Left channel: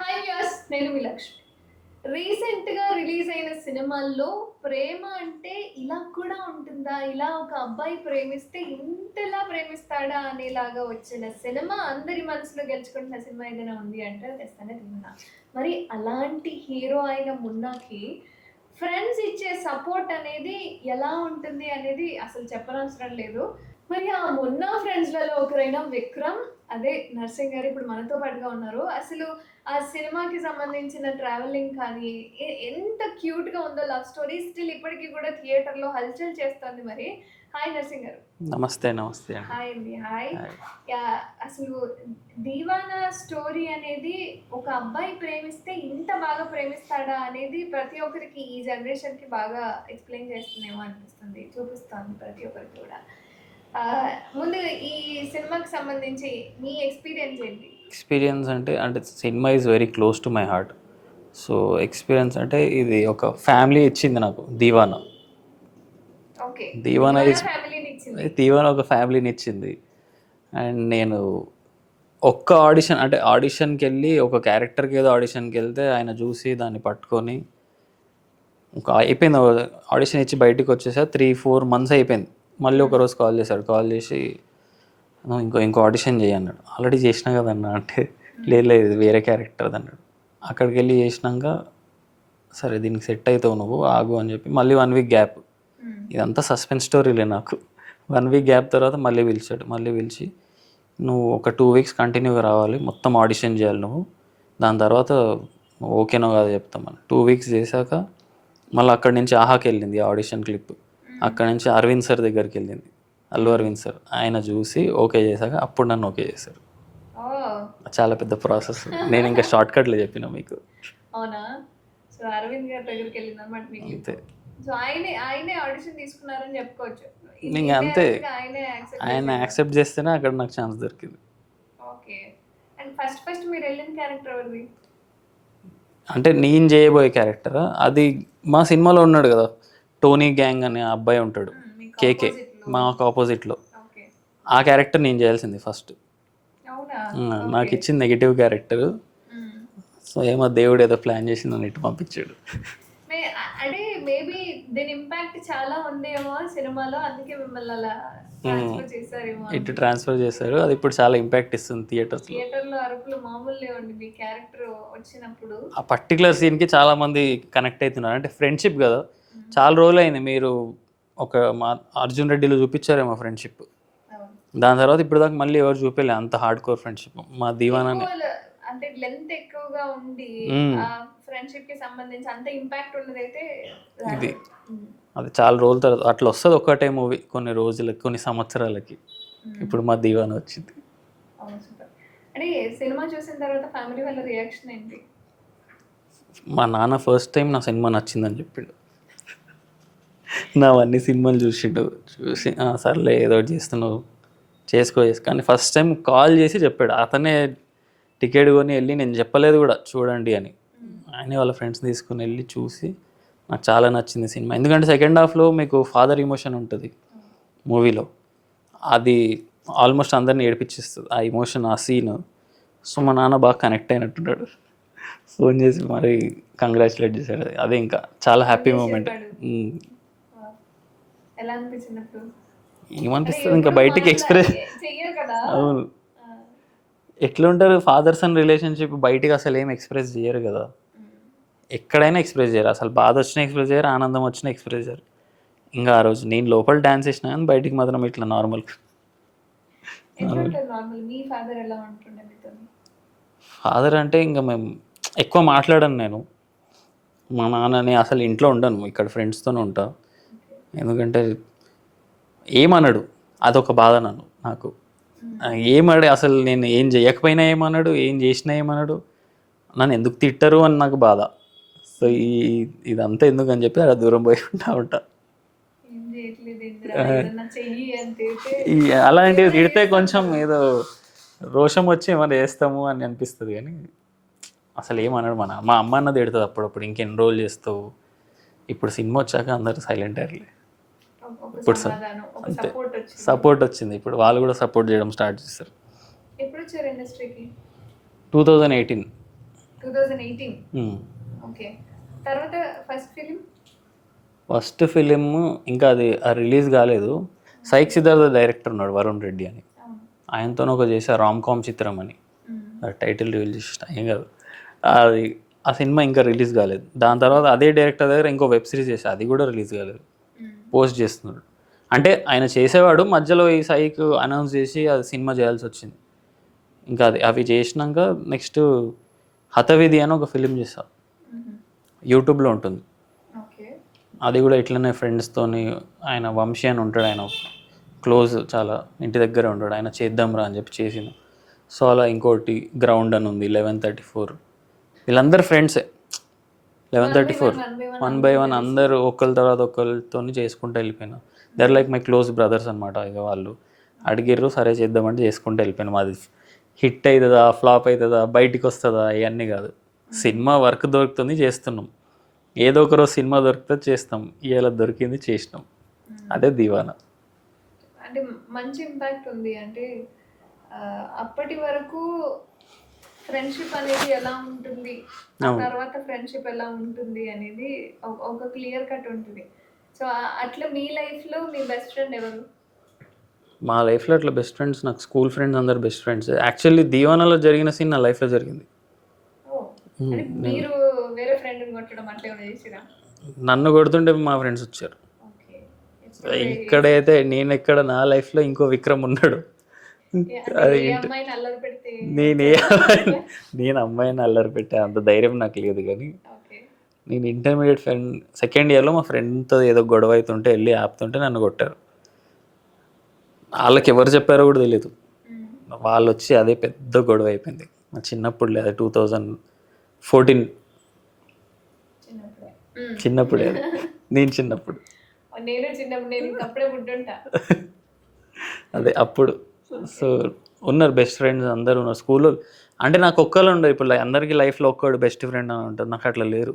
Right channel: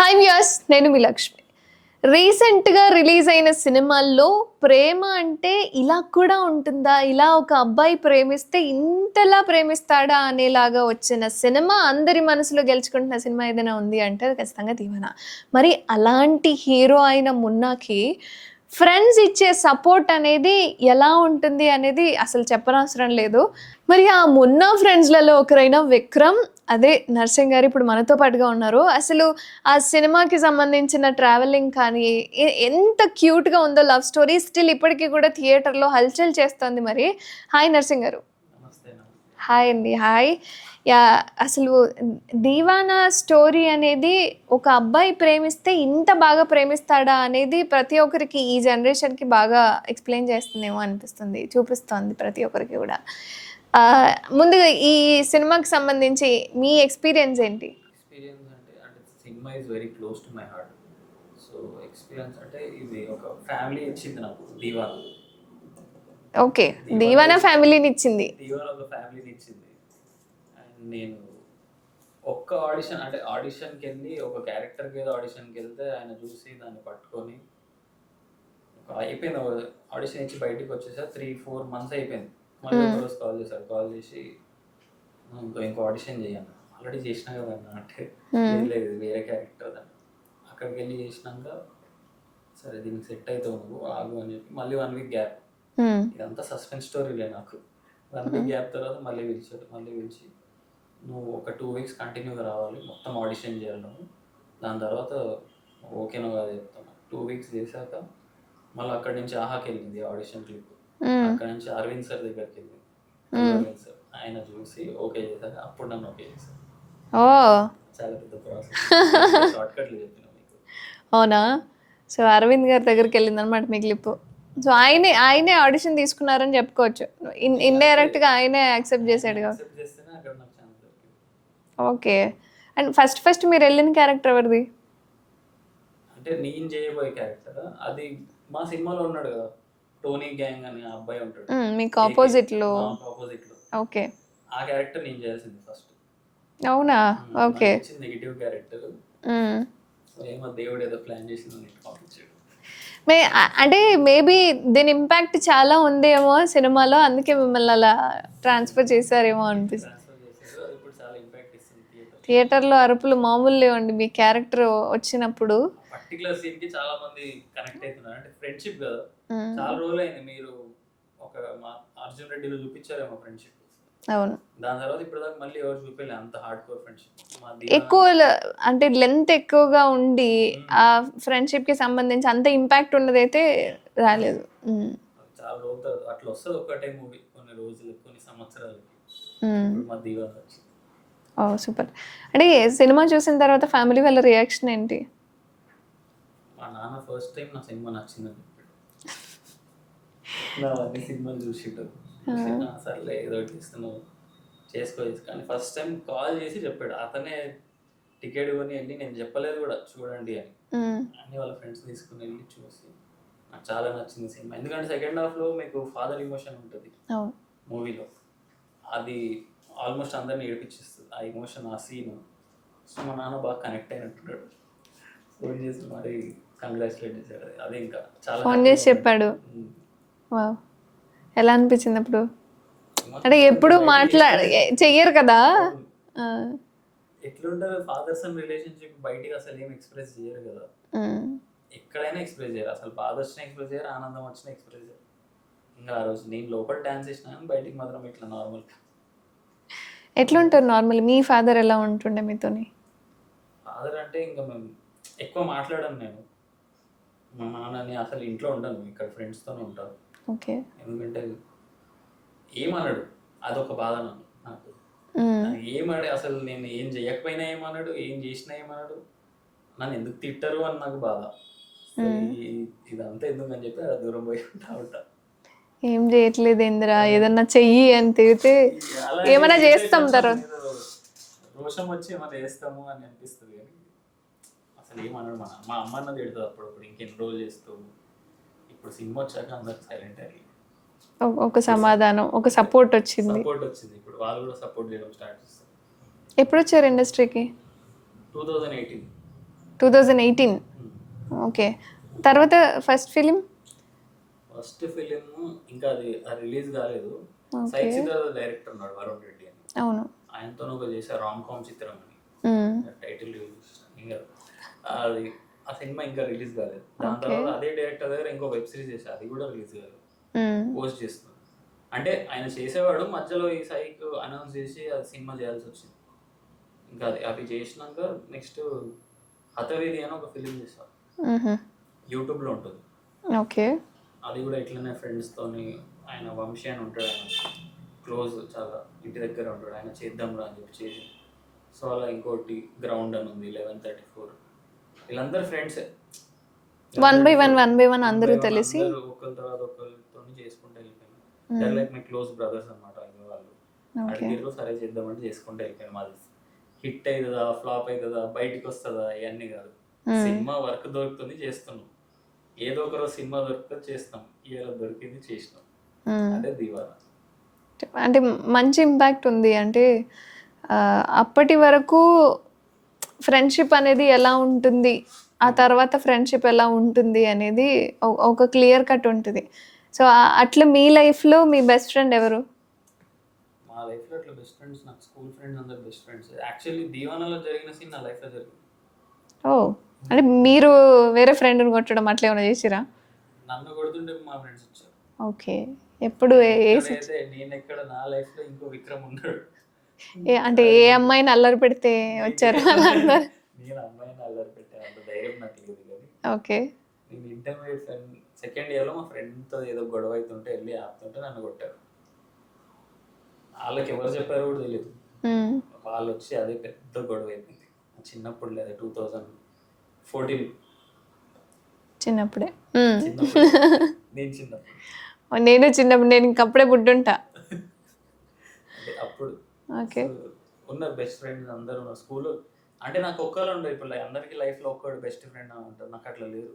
Hi viewers, నేను మీ లక్ష్మి. రీసెంట్గా release అయిన సినిమాల్లో ప్రేమ అంటే ఇలా కూడా ఉంటుందా, ఇలా ఒక అబ్బాయి ప్రేమిస్తే ఇంతలా ప్రేమిస్తాడా అనేలాగా వచ్చిన సినిమా, అందరి మనసులో గెలుచుకుంటున్న సినిమా ఏదైనా ఉంది అంటే అది ఖచ్చితంగా దీవెన. మరి అలాంటి హీరో అయిన మున్నాకి ఫ్రెండ్స్ ఇచ్చే సపోర్ట్ అనేది ఎలా ఉంటుంది అనేది అసలు చెప్పనవసరం లేదు. మరి ఆ మున్నా ఫ్రెండ్స్లలో ఒకరైన విక్రమ్, అదే నర్సింగ్ గారు ఇప్పుడు మనతో పాటుగా ఉన్నారు. అసలు ఆ సినిమాకి సంబంధించిన ట్రావెలింగ్ కానీ ఎంత క్యూట్గా ఉందో, లవ్ స్టోరీ స్టిల్ ఇప్పటికీ కూడా థియేటర్లో హల్చల్ చేస్తుంది. మరి హాయ్ నర్సింగ్ గారు. నమస్తే. నమస్తే. హాయ్ అండి. హాయ్. అసలు దీవానా స్టోరీ అనేది ఒక అబ్బాయి ప్రేమిస్తే ఇంత బాగా ప్రేమిస్తాడా అనేది ప్రతి ఒక్కరికి ఈ జనరేషన్కి బాగా ఎక్స్ప్లెయిన్ చేస్తుందేమో అనిపిస్తుంది, చూపిస్తుంది ప్రతి ఒక్కరికి కూడా. ముందుగా ఈ సినిమాకి సంబంధించి మీ ఎక్స్పీరియన్స్ ఏంటి? ఎక్స్పీరియన్స్ అంటే cinema is very close to my heart. So experience అంటే ఇది ఒక ఫ్యామిలీ ఇచ్చింది నాకు దీవానా. ఓకే, దీవానా ఫ్యామిలీని ఇచ్చింది. దీవానా ఒక ఫ్యామిలీని ఇచ్చింది. అండ్ నేను ఒక్క ఆడిషన్కి వెళ్ళి ఒక క్యారెక్టర్కి ఏదో ఆడిషన్కి వెళ్తే ఆయన చూసి దాన్ని పట్టుకొని అయిపోయింది. ఆడిషన్ ఇచ్చి బయటకు వచ్చేసా 3-4 months అయిపోయింది. మళ్ళీ ఒకరోజు కాల్ చేశాడు. కాల్ చేసి ఇంకో ఆడిషన్ చేయన్నాడు. ఆల్రెడీ చేసినా కదన్నా అంటే లేదు వేరే క్యారెక్టర్ అన్నాడు. అక్కడికి వెళ్ళి చేసినాక సరే దీనికి సెట్ అవుతావు నువ్వు ఆగు అని చెప్పి మళ్ళీ 1 week గ్యాప్. ఇదంతా సస్పెన్స్ స్టోరీలే నాకు. 1 week గ్యాప్ తర్వాత మళ్ళీ పిలిచాడు. మళ్ళీ పిలిచి నువ్వు ఒక 2 weeks కంటిన్యూగా రావాలి, మొత్తం ఆడిషన్ చేయాలి నువ్వు, దాని తర్వాత నువ్వు ఓకేనో కాదో చెప్తామని. 2 weeks చేశాక మళ్ళీ అక్కడి నుంచి ఆహాకి వెళ్ళింది ఆడిషన్ క్లిప్. అక్కడ నుంచి అరవింద్ సార్ దగ్గరికి వెళ్ళింది, అల్లు అరవింద్ సార్. ఆయన చూసి ఓకే చేశాక అప్పుడు నన్ను ఓకే చేశారు. చాలా పెద్ద ప్రాసెస్. నేను ఇంకా షార్ట్ కట్లో చెప్పిన మీకు. అవునా? సో అరవింద్ గారి దగ్గరికి వెళ్ళింది అనమాట మీ క్లిప్. సో ఆయనే ఆడిషన్ తీసుకున్నారని చెప్పుకోవచ్చు. ఇండైరెక్ట్ గా ఆయనే యాక్సెప్ట్ చేస్తేనే అక్కడ నాకు ఛాన్స్ దొరికింది. ఓకే. అండ్ ఫస్ట్ మీరు వెళ్ళిన క్యారెక్టర్ ఎవరిది? అంటే నేను చేయబోయే క్యారెక్టర్ అది మా సినిమాలో ఉన్నాడు కదా, టోనీ గ్యాంగ్ అనే అబ్బాయి ఉంటాడు మాకు ఆపోజిట్ లో. ఓకే, ఆ క్యారెక్టర్ నేను చేయాల్సింది ఫస్ట్. అవునా? నాకు ఇచ్చింది నెగిటివ్ క్యారెక్టర్. సో ఏమో దేవుడు ఏదో ప్లాన్ చేసి నన్ను ఇటు పంపించాడు. అంటే మేబీ దీని ఇంపాక్ట్ చాలా ఉందేమో సినిమాలో, అందుకే మిమ్మల్ని అలా ట్రాన్స్ఫర్ చేశారేమో. ఇటు ట్రాన్స్ఫర్ చేశారు. అది ఇప్పుడు చాలా ఇంపాక్ట్ ఇస్తుంది థియేటర్లో అరుపులు మామూలు లేవండి మీ క్యారెక్టర్ వచ్చినప్పుడు. ఆ పర్టికులర్ సీన్ కి చాలా మంది కనెక్ట్ అవుతున్నారు. అంటే ఫ్రెండ్షిప్ కదా, చాలా రోజులు అయింది. మీరు ఒక మా అర్జున్ రెడ్డిలో చూపించారేమో ఫ్రెండ్షిప్. అవును. దాని తర్వాత ఇప్పుడు దాకా మళ్ళీ ఎవరు చూపించలే అంత హార్డ్ కోర్ ఫ్రెండ్షిప్. మా దీవానా అంటే లెంత్ ఎక్కువగా ఉండి ఆ ఫ్రెండ్షిప్ కి సంబంధించి అంత ఇంపాక్ట్ ఉన్నదైతే రాలేదు. అది చాలా రోజుల తర్వాత అట్లా వస్తుంది ఒకటే మూవీ, కొన్ని రోజులకి కొన్ని సంవత్సరాలకి. ఇప్పుడు మా దీవానా వచ్చింది. ఓ సూపర్. అంటే సినిమా చూసిన తర్వాత ఫ్యామిలీ వాళ్ళ రియాక్షన్ ఏంటి? మా నాన్న ఫస్ట్ టైం నా సినిమా నచ్చిందని చెప్పిండు. నా అన్ని సినిమాలు చూసి సర్లే ఏదో చేస్తున్నావు చేసుకో. కానీ ఫస్ట్ టైం కాల్ చేసి చెప్పాడు. అతనే టికెట్ కొని వెళ్ళి, నేను చెప్పలేదు కూడా చూడండి అని, ఆయనే వాళ్ళ ఫ్రెండ్స్ తీసుకుని వెళ్ళి చూసి నాకు చాలా నచ్చింది సినిమా. ఎందుకంటే సెకండ్ హాఫ్లో మీకు ఫాదర్ ఇమోషన్ ఉంటుంది మూవీలో, అది ఆల్మోస్ట్ అందరిని ఏడిపించేస్తుంది ఆ ఇమోషన్, ఆ సీన్. సో మా నాన్న బాగా కనెక్ట్ అయినట్టున్నాడు. ఫోన్ చేసి మరి కంగ్రాచులేట్ చేశాడు. అదే ఇంకా చాలా హ్యాపీ చెప్పాడు. ఎలా అనిపించింది అప్పుడు? చెయ్యరు కదా, ఎట్లా ఉంటారు ఫాదర్ సన్ రిలేషన్షిప్, బయటికి అసలు ఏం ఎక్స్ప్రెస్ చేయరు కదా. ఎక్కడైనా ఎక్స్ప్రెస్ చేయరు, అసలు బాధ వచ్చినా ఎక్స్ప్రెస్ చేయరు, ఆనందం వచ్చినా ఎక్స్ప్రెస్ చేయరు. ఇంకా ఆ రోజు నేను లోపల డాన్స్ చేసినా కానీ బయటికి మాత్రం ఇట్లా నార్మల్. ఎట్లా ఉంటారు నార్మల్? మీ ఫాదర్ ఎలా ఉంటుండే మీతోని? ఫాదర్ అంటే ఇంకా మేము ఎక్కువ మాట్లాడను. నేను మా నాన్నని అసలు ఇంట్లో ఉండను, ఇక్కడ ఫ్రెండ్స్తోనే ఉంటా. ఎందుకంటే ఏమన్నాడు, అదొక బాధ నాకు. ఏమన్నాడు అసలు, నేను ఏం చేయకపోయినా ఏమన్నాడు, ఏం చేసినా ఏమన్నాడు, నన్ను ఎందుకు తిట్టరు అని నాకు బాధ. సో ఇదంతా ఎందుకు అని చెప్పి అలా దూరం పోయి ఉంటా. ఏం చేయట్లేదు ఏందిరా, ఏదన్నా చెయ్యి అని తిరిగితే అలాంటి కొంచెం ఏదో రోషం వచ్చి ఏమైనా చేస్తాము అని అనిపిస్తుంది. కానీ అసలు ఏమన్నాడు మా అమ్మ అన్నది తిడుతుంది అప్పుడప్పుడు, ఇంకెన్ని రోజులు చేస్తావు. ఇప్పుడు సినిమా వచ్చాక అందరూ సైలెంట్ అయ్యారు. ఒక సమాధానం, ఒక సపోర్ట్ వచ్చింది. ఇప్పుడు వాళ్ళు కూడా సపోర్ట్ చేయడం స్టార్ట్ చేస్తారు. ఎప్పుడు వచ్చారు ఇండస్ట్రీకి? 2018 2018. ఓకే. తర్వాత ఫస్ట్ ఫిలిం? ఫస్ట్ ఫిలిం ఇంకా అది రిలీజ్ కాలేదు. సైక్ సిద్ధార్థ డైరెక్టర్ ఉన్నాడు, వరుణ్ రెడ్డి అని. అవును. ఆయనతో ఒక చేసా రామ్ కామ్ చిత్రం అని. మ్మ్. టైటిల్ రిలీజ్ చేసిన ఏం కాదు. అది ఆ సినిమా ఇంకా రిలీజ్ కాలేదు. దాని తర్వాత అదే డైరెక్టర్ దగ్గర ఇంకో వెబ్ సిరీస్ చేసా, అది కూడా రిలీజ్ కాలేదు. మ్మ్. పోస్ట్ చేస్తున్నాడు. అంటే ఆయన చేసేవాడు, మధ్యలో ఈ సైక్ అనౌన్స్ చేసి అది సినిమా చేయాల్సి వచ్చింది. ఇంకా అవి చేసినాక నెక్స్ట్ హతవిధి అని ఒక ఫిలిం చేసా, మ్మ్. యూట్యూబ్లో ఉంటుంది. ఓకే. అది కూడా ఇట్లనే ఫ్రెండ్స్తోని, ఆయన వంశీ అని ఉంటాడు, ఆయన క్లోజ్ చాలా, ఇంటి దగ్గరే ఉంటాడు, ఆయన చేద్దాంరా అని చెప్పి చేసిన. సో అలా ఇంకోటి గ్రౌండ్ అని ఉంది, 1134. వీళ్ళందరూ ఫ్రెండ్సే. 1 బై వన్ అందరూ ఒకరి తర్వాత ఒకరితో చేసుకుంటూ వెళ్ళిపోయినా. They're like my close brothers అనమాట. ఇక వాళ్ళు అడిగిర్రు, సరే చేద్దామంటే చేసుకుంటూ వెళ్ళిపోయినా. మాది హిట్ అవుతుందా ఫ్లాప్ అవుతుందా బయటికి వస్తుందా ఇవన్నీ కాదు. సినిమా వర్క్ దొరుకుతుంది చేస్తున్నాం, ఏదో ఒకరోజు సినిమా దొరికితే చేస్తాం. ఇలా దొరికింది చేసినాం, అదే దీవానా. అంటే మంచి ఇంపాక్ట్ ఉంది. అంటే అప్పటి వరకు ఫ్రెండ్షిప్ అనేది ఎలా ఉంటుంది, ఆ తర్వాత ఫ్రెండ్షిప్ ఎలా ఉంటుంది అనేది ఒక క్లియర్ కట్ ఉంటుంది. సో అట్లా మీ లైఫ్లో మీ బెస్ట్ ఫ్రెండ్ ఎవరు? మా లైఫ్లో అట్లా బెస్ట్ ఫ్రెండ్స్, నాకు స్కూల్ ఫ్రెండ్స్ అందరు బెస్ట్ ఫ్రెండ్స్. యాక్చువల్లీ దీవానాలో జరిగిన సీన్ నా లైఫ్లో జరిగింది. ఓ, అంటే మీరు వేరే ఫ్రెండ్ని కొట్టడం అట్లా ఏమైనా చేసిరా? నన్ను కొడుతుంటే మా ఫ్రెండ్స్ వచ్చారు. ఓకే. ఎప్పుడు ఇక్కడైతే నేను ఎక్కడ, నా లైఫ్లో ఇంకో విక్రమ్ ఉన్నాడు. అంటే ఏ అమ్మాయిని అల్లరి పెడితే నేను అమ్మాయిని అల్లరి పెట్టే అంత ధైర్యం నాకు లేదు. కానీ ఓకే, నేను ఇంటర్మీడియట్ ఫ్రెండ్ సెకండ్ ఇయర్లో మా ఫ్రెండ్తో ఏదో గొడవ అవుతుంటే వెళ్ళి ఆపుతుంటే నన్ను కొట్టారు. వాళ్ళకి ఎవరు చెప్పారో కూడా తెలియదు. వాళ్ళు వచ్చి అదే పెద్ద గొడవ అయిపోయింది. మా చిన్నప్పుడు లేదా 2014 చిన్నప్పుడే నేను చిన్నప్పుడు నేను ఇంకప్పుడే బుడ్డుంటా. అదే అప్పుడు. సో ఉన్నారు బెస్ట్ ఫ్రెండ్స్ అందరూ ఉన్నారు స్కూల్లో. అంటే నాకు ఒక్కళ్ళు ఉండరు. ఇప్పుడు అందరికీ లైఫ్లో ఒక్కడు బెస్ట్ ఫ్రెండ్ అని ఉంటుంది, నాకు అట్లా లేరు.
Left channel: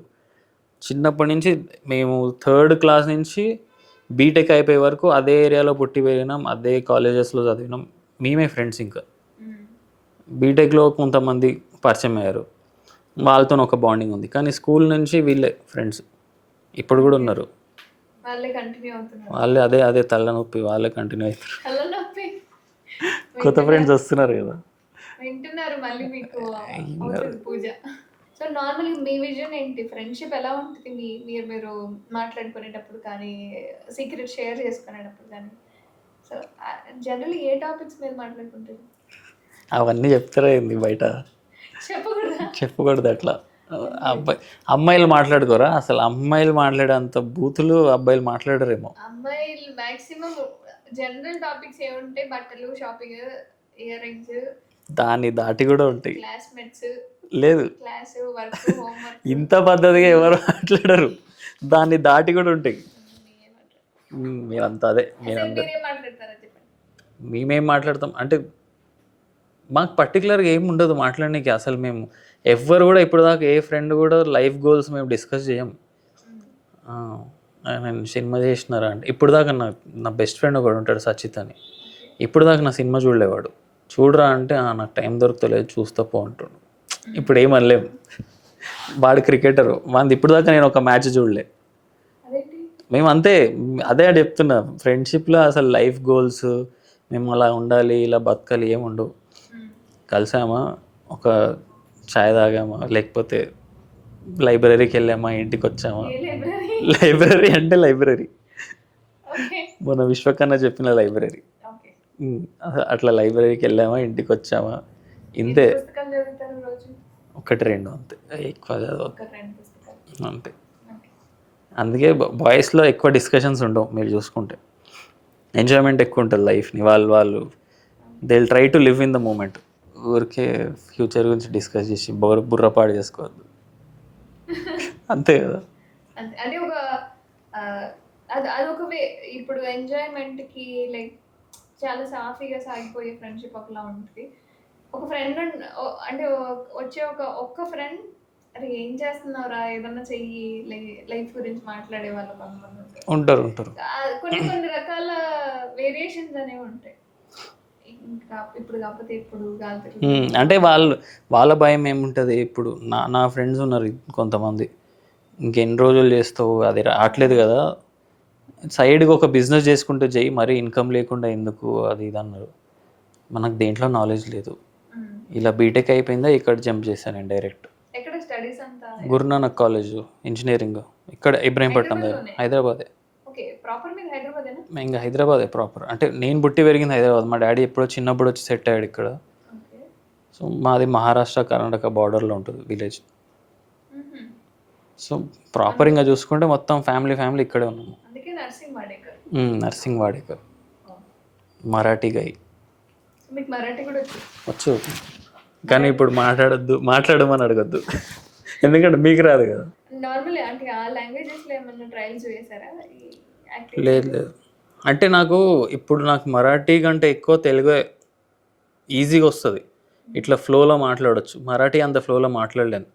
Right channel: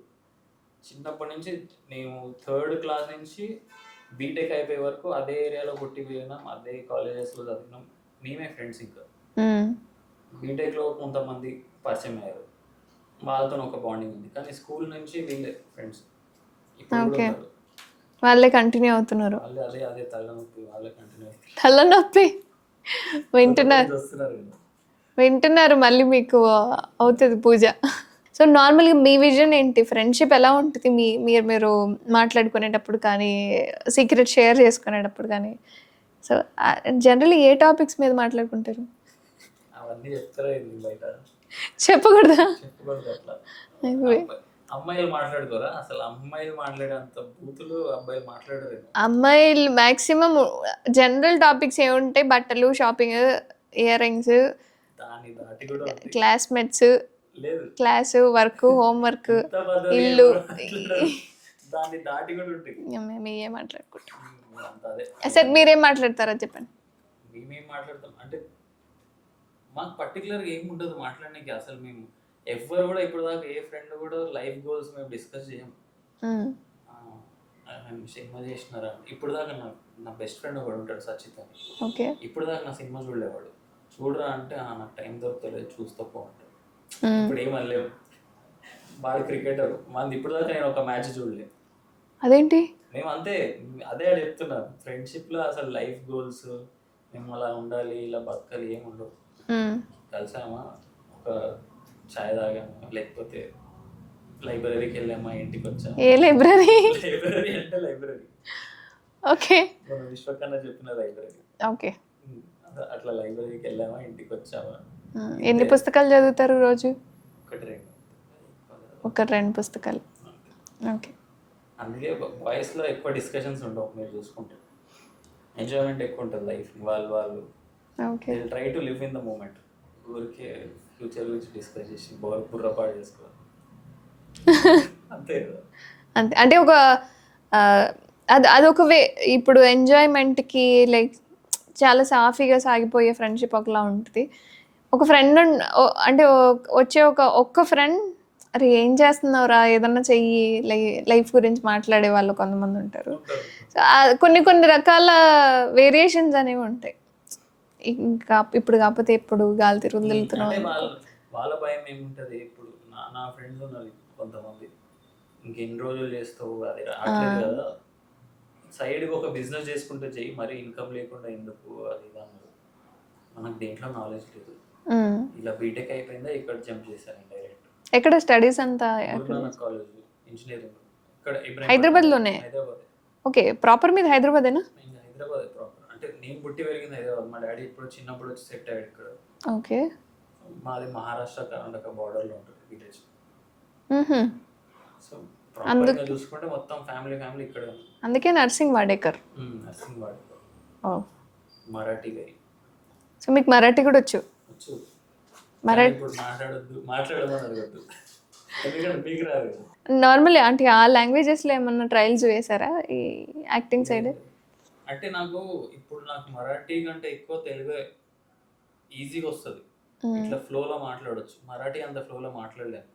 చిన్నప్పటి నుంచి మేము 3rd క్లాస్ నుంచి బీటెక్ అయిపోయే వరకు అదే ఏరియాలో పుట్టి పెరిగినాం, అదే కాలేజెస్లో చదివినాం, మేమే ఫ్రెండ్స్. ఇంకా బీటెక్లో కొంతమంది పరిచయం అయ్యారు, వాళ్ళతో ఒక బాండింగ్ ఉంది. కానీ స్కూల్ నుంచి వీళ్ళే ఫ్రెండ్స్ ఇప్పుడు కూడా ఉన్నారు. వాళ్ళే కంటిన్యూ అవుతున్నారు. వాళ్ళే అదే తలనొప్పి, వాళ్ళే కంటిన్యూ అవుతున్నారు. తలనొప్పి కొత్త ఫ్రెండ్స్ వస్తున్నారు కదా, వింటున్నారు, మళ్ళీ మీకు అవుతుంది పూజ. సో నార్మల్గా మీ విజన్ ఏంటి? ఫ్రెండ్షిప్ ఎలా ఉంటుంది మీరు మాట్లాడుకునేటప్పుడు కానీ, సీక్రెట్ షేర్ చేసుకునేటప్పుడు కానీ? సో జనరల్లీ ఏ టాపిక్స్ మీద మాట్లాడుకుంటారు? అవన్నీ చెప్తారా ఏంది బయట? చెప్పకూడదు అట్లా. అమ్మాయిలు మాట్లాడుకోరా అసలు? అమ్మాయిలు మాట్లాడేంత బూతులు అబ్బాయిలు మాట్లాడరేమో. అమ్మాయిలు మ్యాక్సిమం జనరల్ టాపిక్స్ ఏముంటాయి? బట్టలు, షాపింగ్, ఇయర్ రింగ్స్, దాన్ని దాటి కూడా ఉంటాయి. క్లాస్మేట్స్, లేదు క్లాసు, వర్క్, హోంవర్క్. ఇంత పద్ధతిగా ఎవరు మాట్లాడరు, దాన్ని దాటి కూడా ఉంటాయి. మేమేం మాట్లాడుకుంటాం, మీరంతా అదే. అసలు మీరేం మాట్లాడతారా చెప్పండి? మేమేం మాట్లాడతాం అంటే మాకు పర్టికులర్గా ఏమి ఉండదు మాట్లాడడానికి. అసలు మేము ఎవ్వరు కూడా ఇప్పుడు దాకా ఏ ఫ్రెండ్ కూడా లైఫ్ గోల్స్ మేము డిస్కస్ చేయం. నేను సినిమా చేసినారా అంటే ఇప్పుడు దాకా నా బెస్ట్ ఫ్రెండ్ ఒకడు ఉంటాడు, సచిత్ అని. ఇప్పుడు దాకా నా సినిమా చూడలేవాడు. చూడరా అంటే నాకు టైం దొరుకుతలేదు, చూస్తా పో అంటాడు. ఇప్పుడు ఏమనలేము, వాడు క్రికెటర్, వాడి ఇప్పుడు దాకా నేను ఒక మ్యాచ్ చూడలే. అదేంటి? మేము అంతే, అదే చెప్తున్నా. ఫ్రెండ్షిప్లో అసలు లైఫ్ గోల్స్ మేము అలా ఉండాలి, ఇలా బతకాలి ఏమి ఉండవు. కలిసామా, ఒక ఛాయ్ తాగామా, లేకపోతే లైబ్రరీకి వెళ్ళామా, ఇంటికి వచ్చామా. లైబ్రరీ అంటే లైబ్రరీ, మన విశ్వకన్నా చెప్పిన లైబ్రరీ. అట్లా లైబ్రరీకి వెళ్ళామా, ఇంటికి వచ్చామా. ఎన్ని పుస్తకాలు చదువుతారు రోజు? 1-2 అంతే, ఎక్కువ చదువు. 1-2 పుస్తకాలు అంతే. అందుకే బాయ్స్లో ఎక్కువ డిస్కషన్స్ ఉండవు. మీరు చూసుకుంటే ఎంజాయ్మెంట్ ఎక్కువ ఉంటుంది లైఫ్ని. వాళ్ళు they will try to live in the moment. ఊరికే ఫ్యూచర్ గురించి డిస్కస్ చేసి బుర్రపాడు చేసుకోవద్దు. అంతే కదా. అంతే. అంటే ఒక అదొక వే. ఇప్పుడు ఎంజాయ్మెంట్కి లైక్ చాలా సాఫీగా సాగిపోయే ఫ్రెండ్షిప్ ఒకలా ఉంటుంది. ఒక ఫ్రెండ్ అంటే వచ్చే ఒక్క ఫ్రెండ్, అరే ఏం చేస్తున్నావురా, ఏదన్నా చెయ్యి, లైఫ్ గురించి మాట్లాడే వాళ్ళు కొంతమంది ఉంటారు. కొన్ని రకాల వేరియేషన్స్ అనేవి ఉంటాయి. ఇంకా ఇప్పుడు కాకపోతే ఎప్పుడు గాలి తిరుగుతుంది అంటే వాళ్ళ భయం ఏముంటుంది ఇప్పుడు నా ఫ్రెండ్స్ ఉన్నారు కొంతమంది, ఇంకెన్ని రోజులు చేస్తావు అది రావట్లేదు కదా, సైడ్కి ఒక బిజినెస్ చేసుకుంటూ చెయ్యి, మరీ ఇన్కమ్ లేకుండా ఎందుకు అది ఇది అన్నారు. మనకు దేంట్లో నాలెడ్జ్ లేదు. ఇలా బీటెక్ అయిపోయిందా ఇక్కడ జంప్ చేశాను నేను డైరెక్ట్. ఎక్కడ స్టడీస్ అంతా? గురునానక్ కాలేజ్ ఇంజనీరింగ్ ఇక్కడ హైదరాబాద్లోనే? హైదరాబాదే. ఓకే, ప్రాపర్ మీద హైదరాబాదేనా? ఇంకా హైదరాబాదే ప్రాపర్. అంటే నేను పుట్టి పెరిగింది హైదరాబాద్, మా డాడీ ఎప్పుడో చిన్నప్పుడు వచ్చి సెట్ అయ్యాడు ఇక్కడ. ఓకే. సో మాది మహారాష్ట్ర కర్ణాటక బార్డర్లో ఉంటుంది విలేజ్. సో ప్రాపర్ ఇంకా చూసుకుంటే మొత్తం ఫ్యామిలీ ఇక్కడే ఉన్నాము. అందుకే నర్సింగ్ వాడేకర్. నర్సింగ్ వాడేకర్, మరాఠీ గై. సో మీకు మరాఠీ కూడా వచ్చు? కానీ ఇప్పుడు మాట్లాడమని అడగద్దు, ఎందుకంటే మీకు రాదు కదా. నార్మల్ అంటే ఆ లాంగ్వేజెస్లో ఏమన్నా ట్రయల్స్ వేసారా ఈ యాక్టింగ్? లేదు. అంటే నాకు మరాఠీ కంటే ఎక్కువ తెలుగు ఈజీగా వస్తుంది, ఇట్లా ఫ్లోలో మాట్లాడవచ్చు. మరాఠీ అంత ఫ్లోలో మాట్లాడలేను,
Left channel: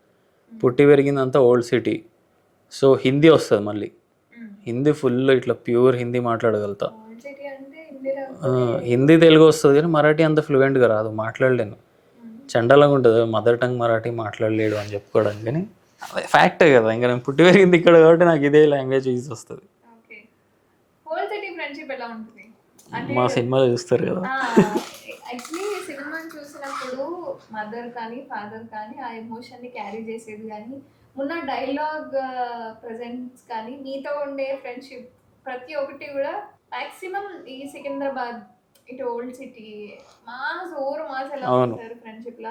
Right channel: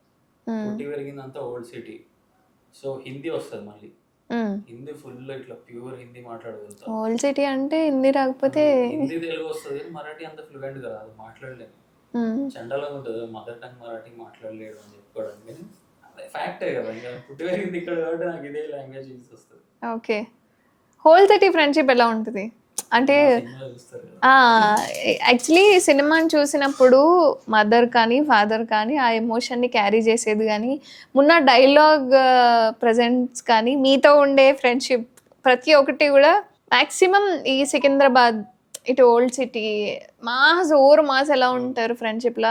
పుట్టి పెరిగిందంతా ఓల్డ్ సిటీ. సో హిందీ వస్తుంది మళ్ళీ, హిందీ ఫుల్ ఇట్లా ప్యూర్ హిందీ మాట్లాడగలుగుతా. ఓల్డ్ సిటీ అంటే హిందీ రాకపోతే హిందీ తెలుగు వస్తుంది కానీ మరాఠీ అంత ఫ్లూయెంట్గా రాదు, మాట్లాడలేను. చండాలంగా ఉంటుంది మదర్ టంగ్ మరాఠీ మాట్లాడలేడు అని చెప్పుకోవడానికి, కానీ ఫ్యాక్టే కదా. ఇంకా నేను పుట్టి పెరిగింది ఇక్కడ కాబట్టి నాకు ఇదే లాంగ్వేజ్ ఈజీ వస్తుంది. ఓకే. హోల్ సిటీ ఫ్రెండ్షిప్ ఎలా ఉంటుంది అంటే? సినిమాలో చూస్తారు కదా. యాక్చువల్లీ సినిమాని చూసినప్పుడు మదర్ కానీ ఫాదర్ కానీ ఆ ఎమోషన్ని క్యారీ చేసేది, కానీ మొన్న డైలాగ్ ప్రజెంట్స్ కానీ మీతో ఉండే ఫ్రెండ్షిప్ ప్రతి ఒక్కటి కూడా మ్యాక్సిమం ఈ సికింద్రాబాద్ ఇటు ఓల్డ్ సిటీ మాస్ ఎలా ఉంటారు ఫ్రెండ్షిప్లో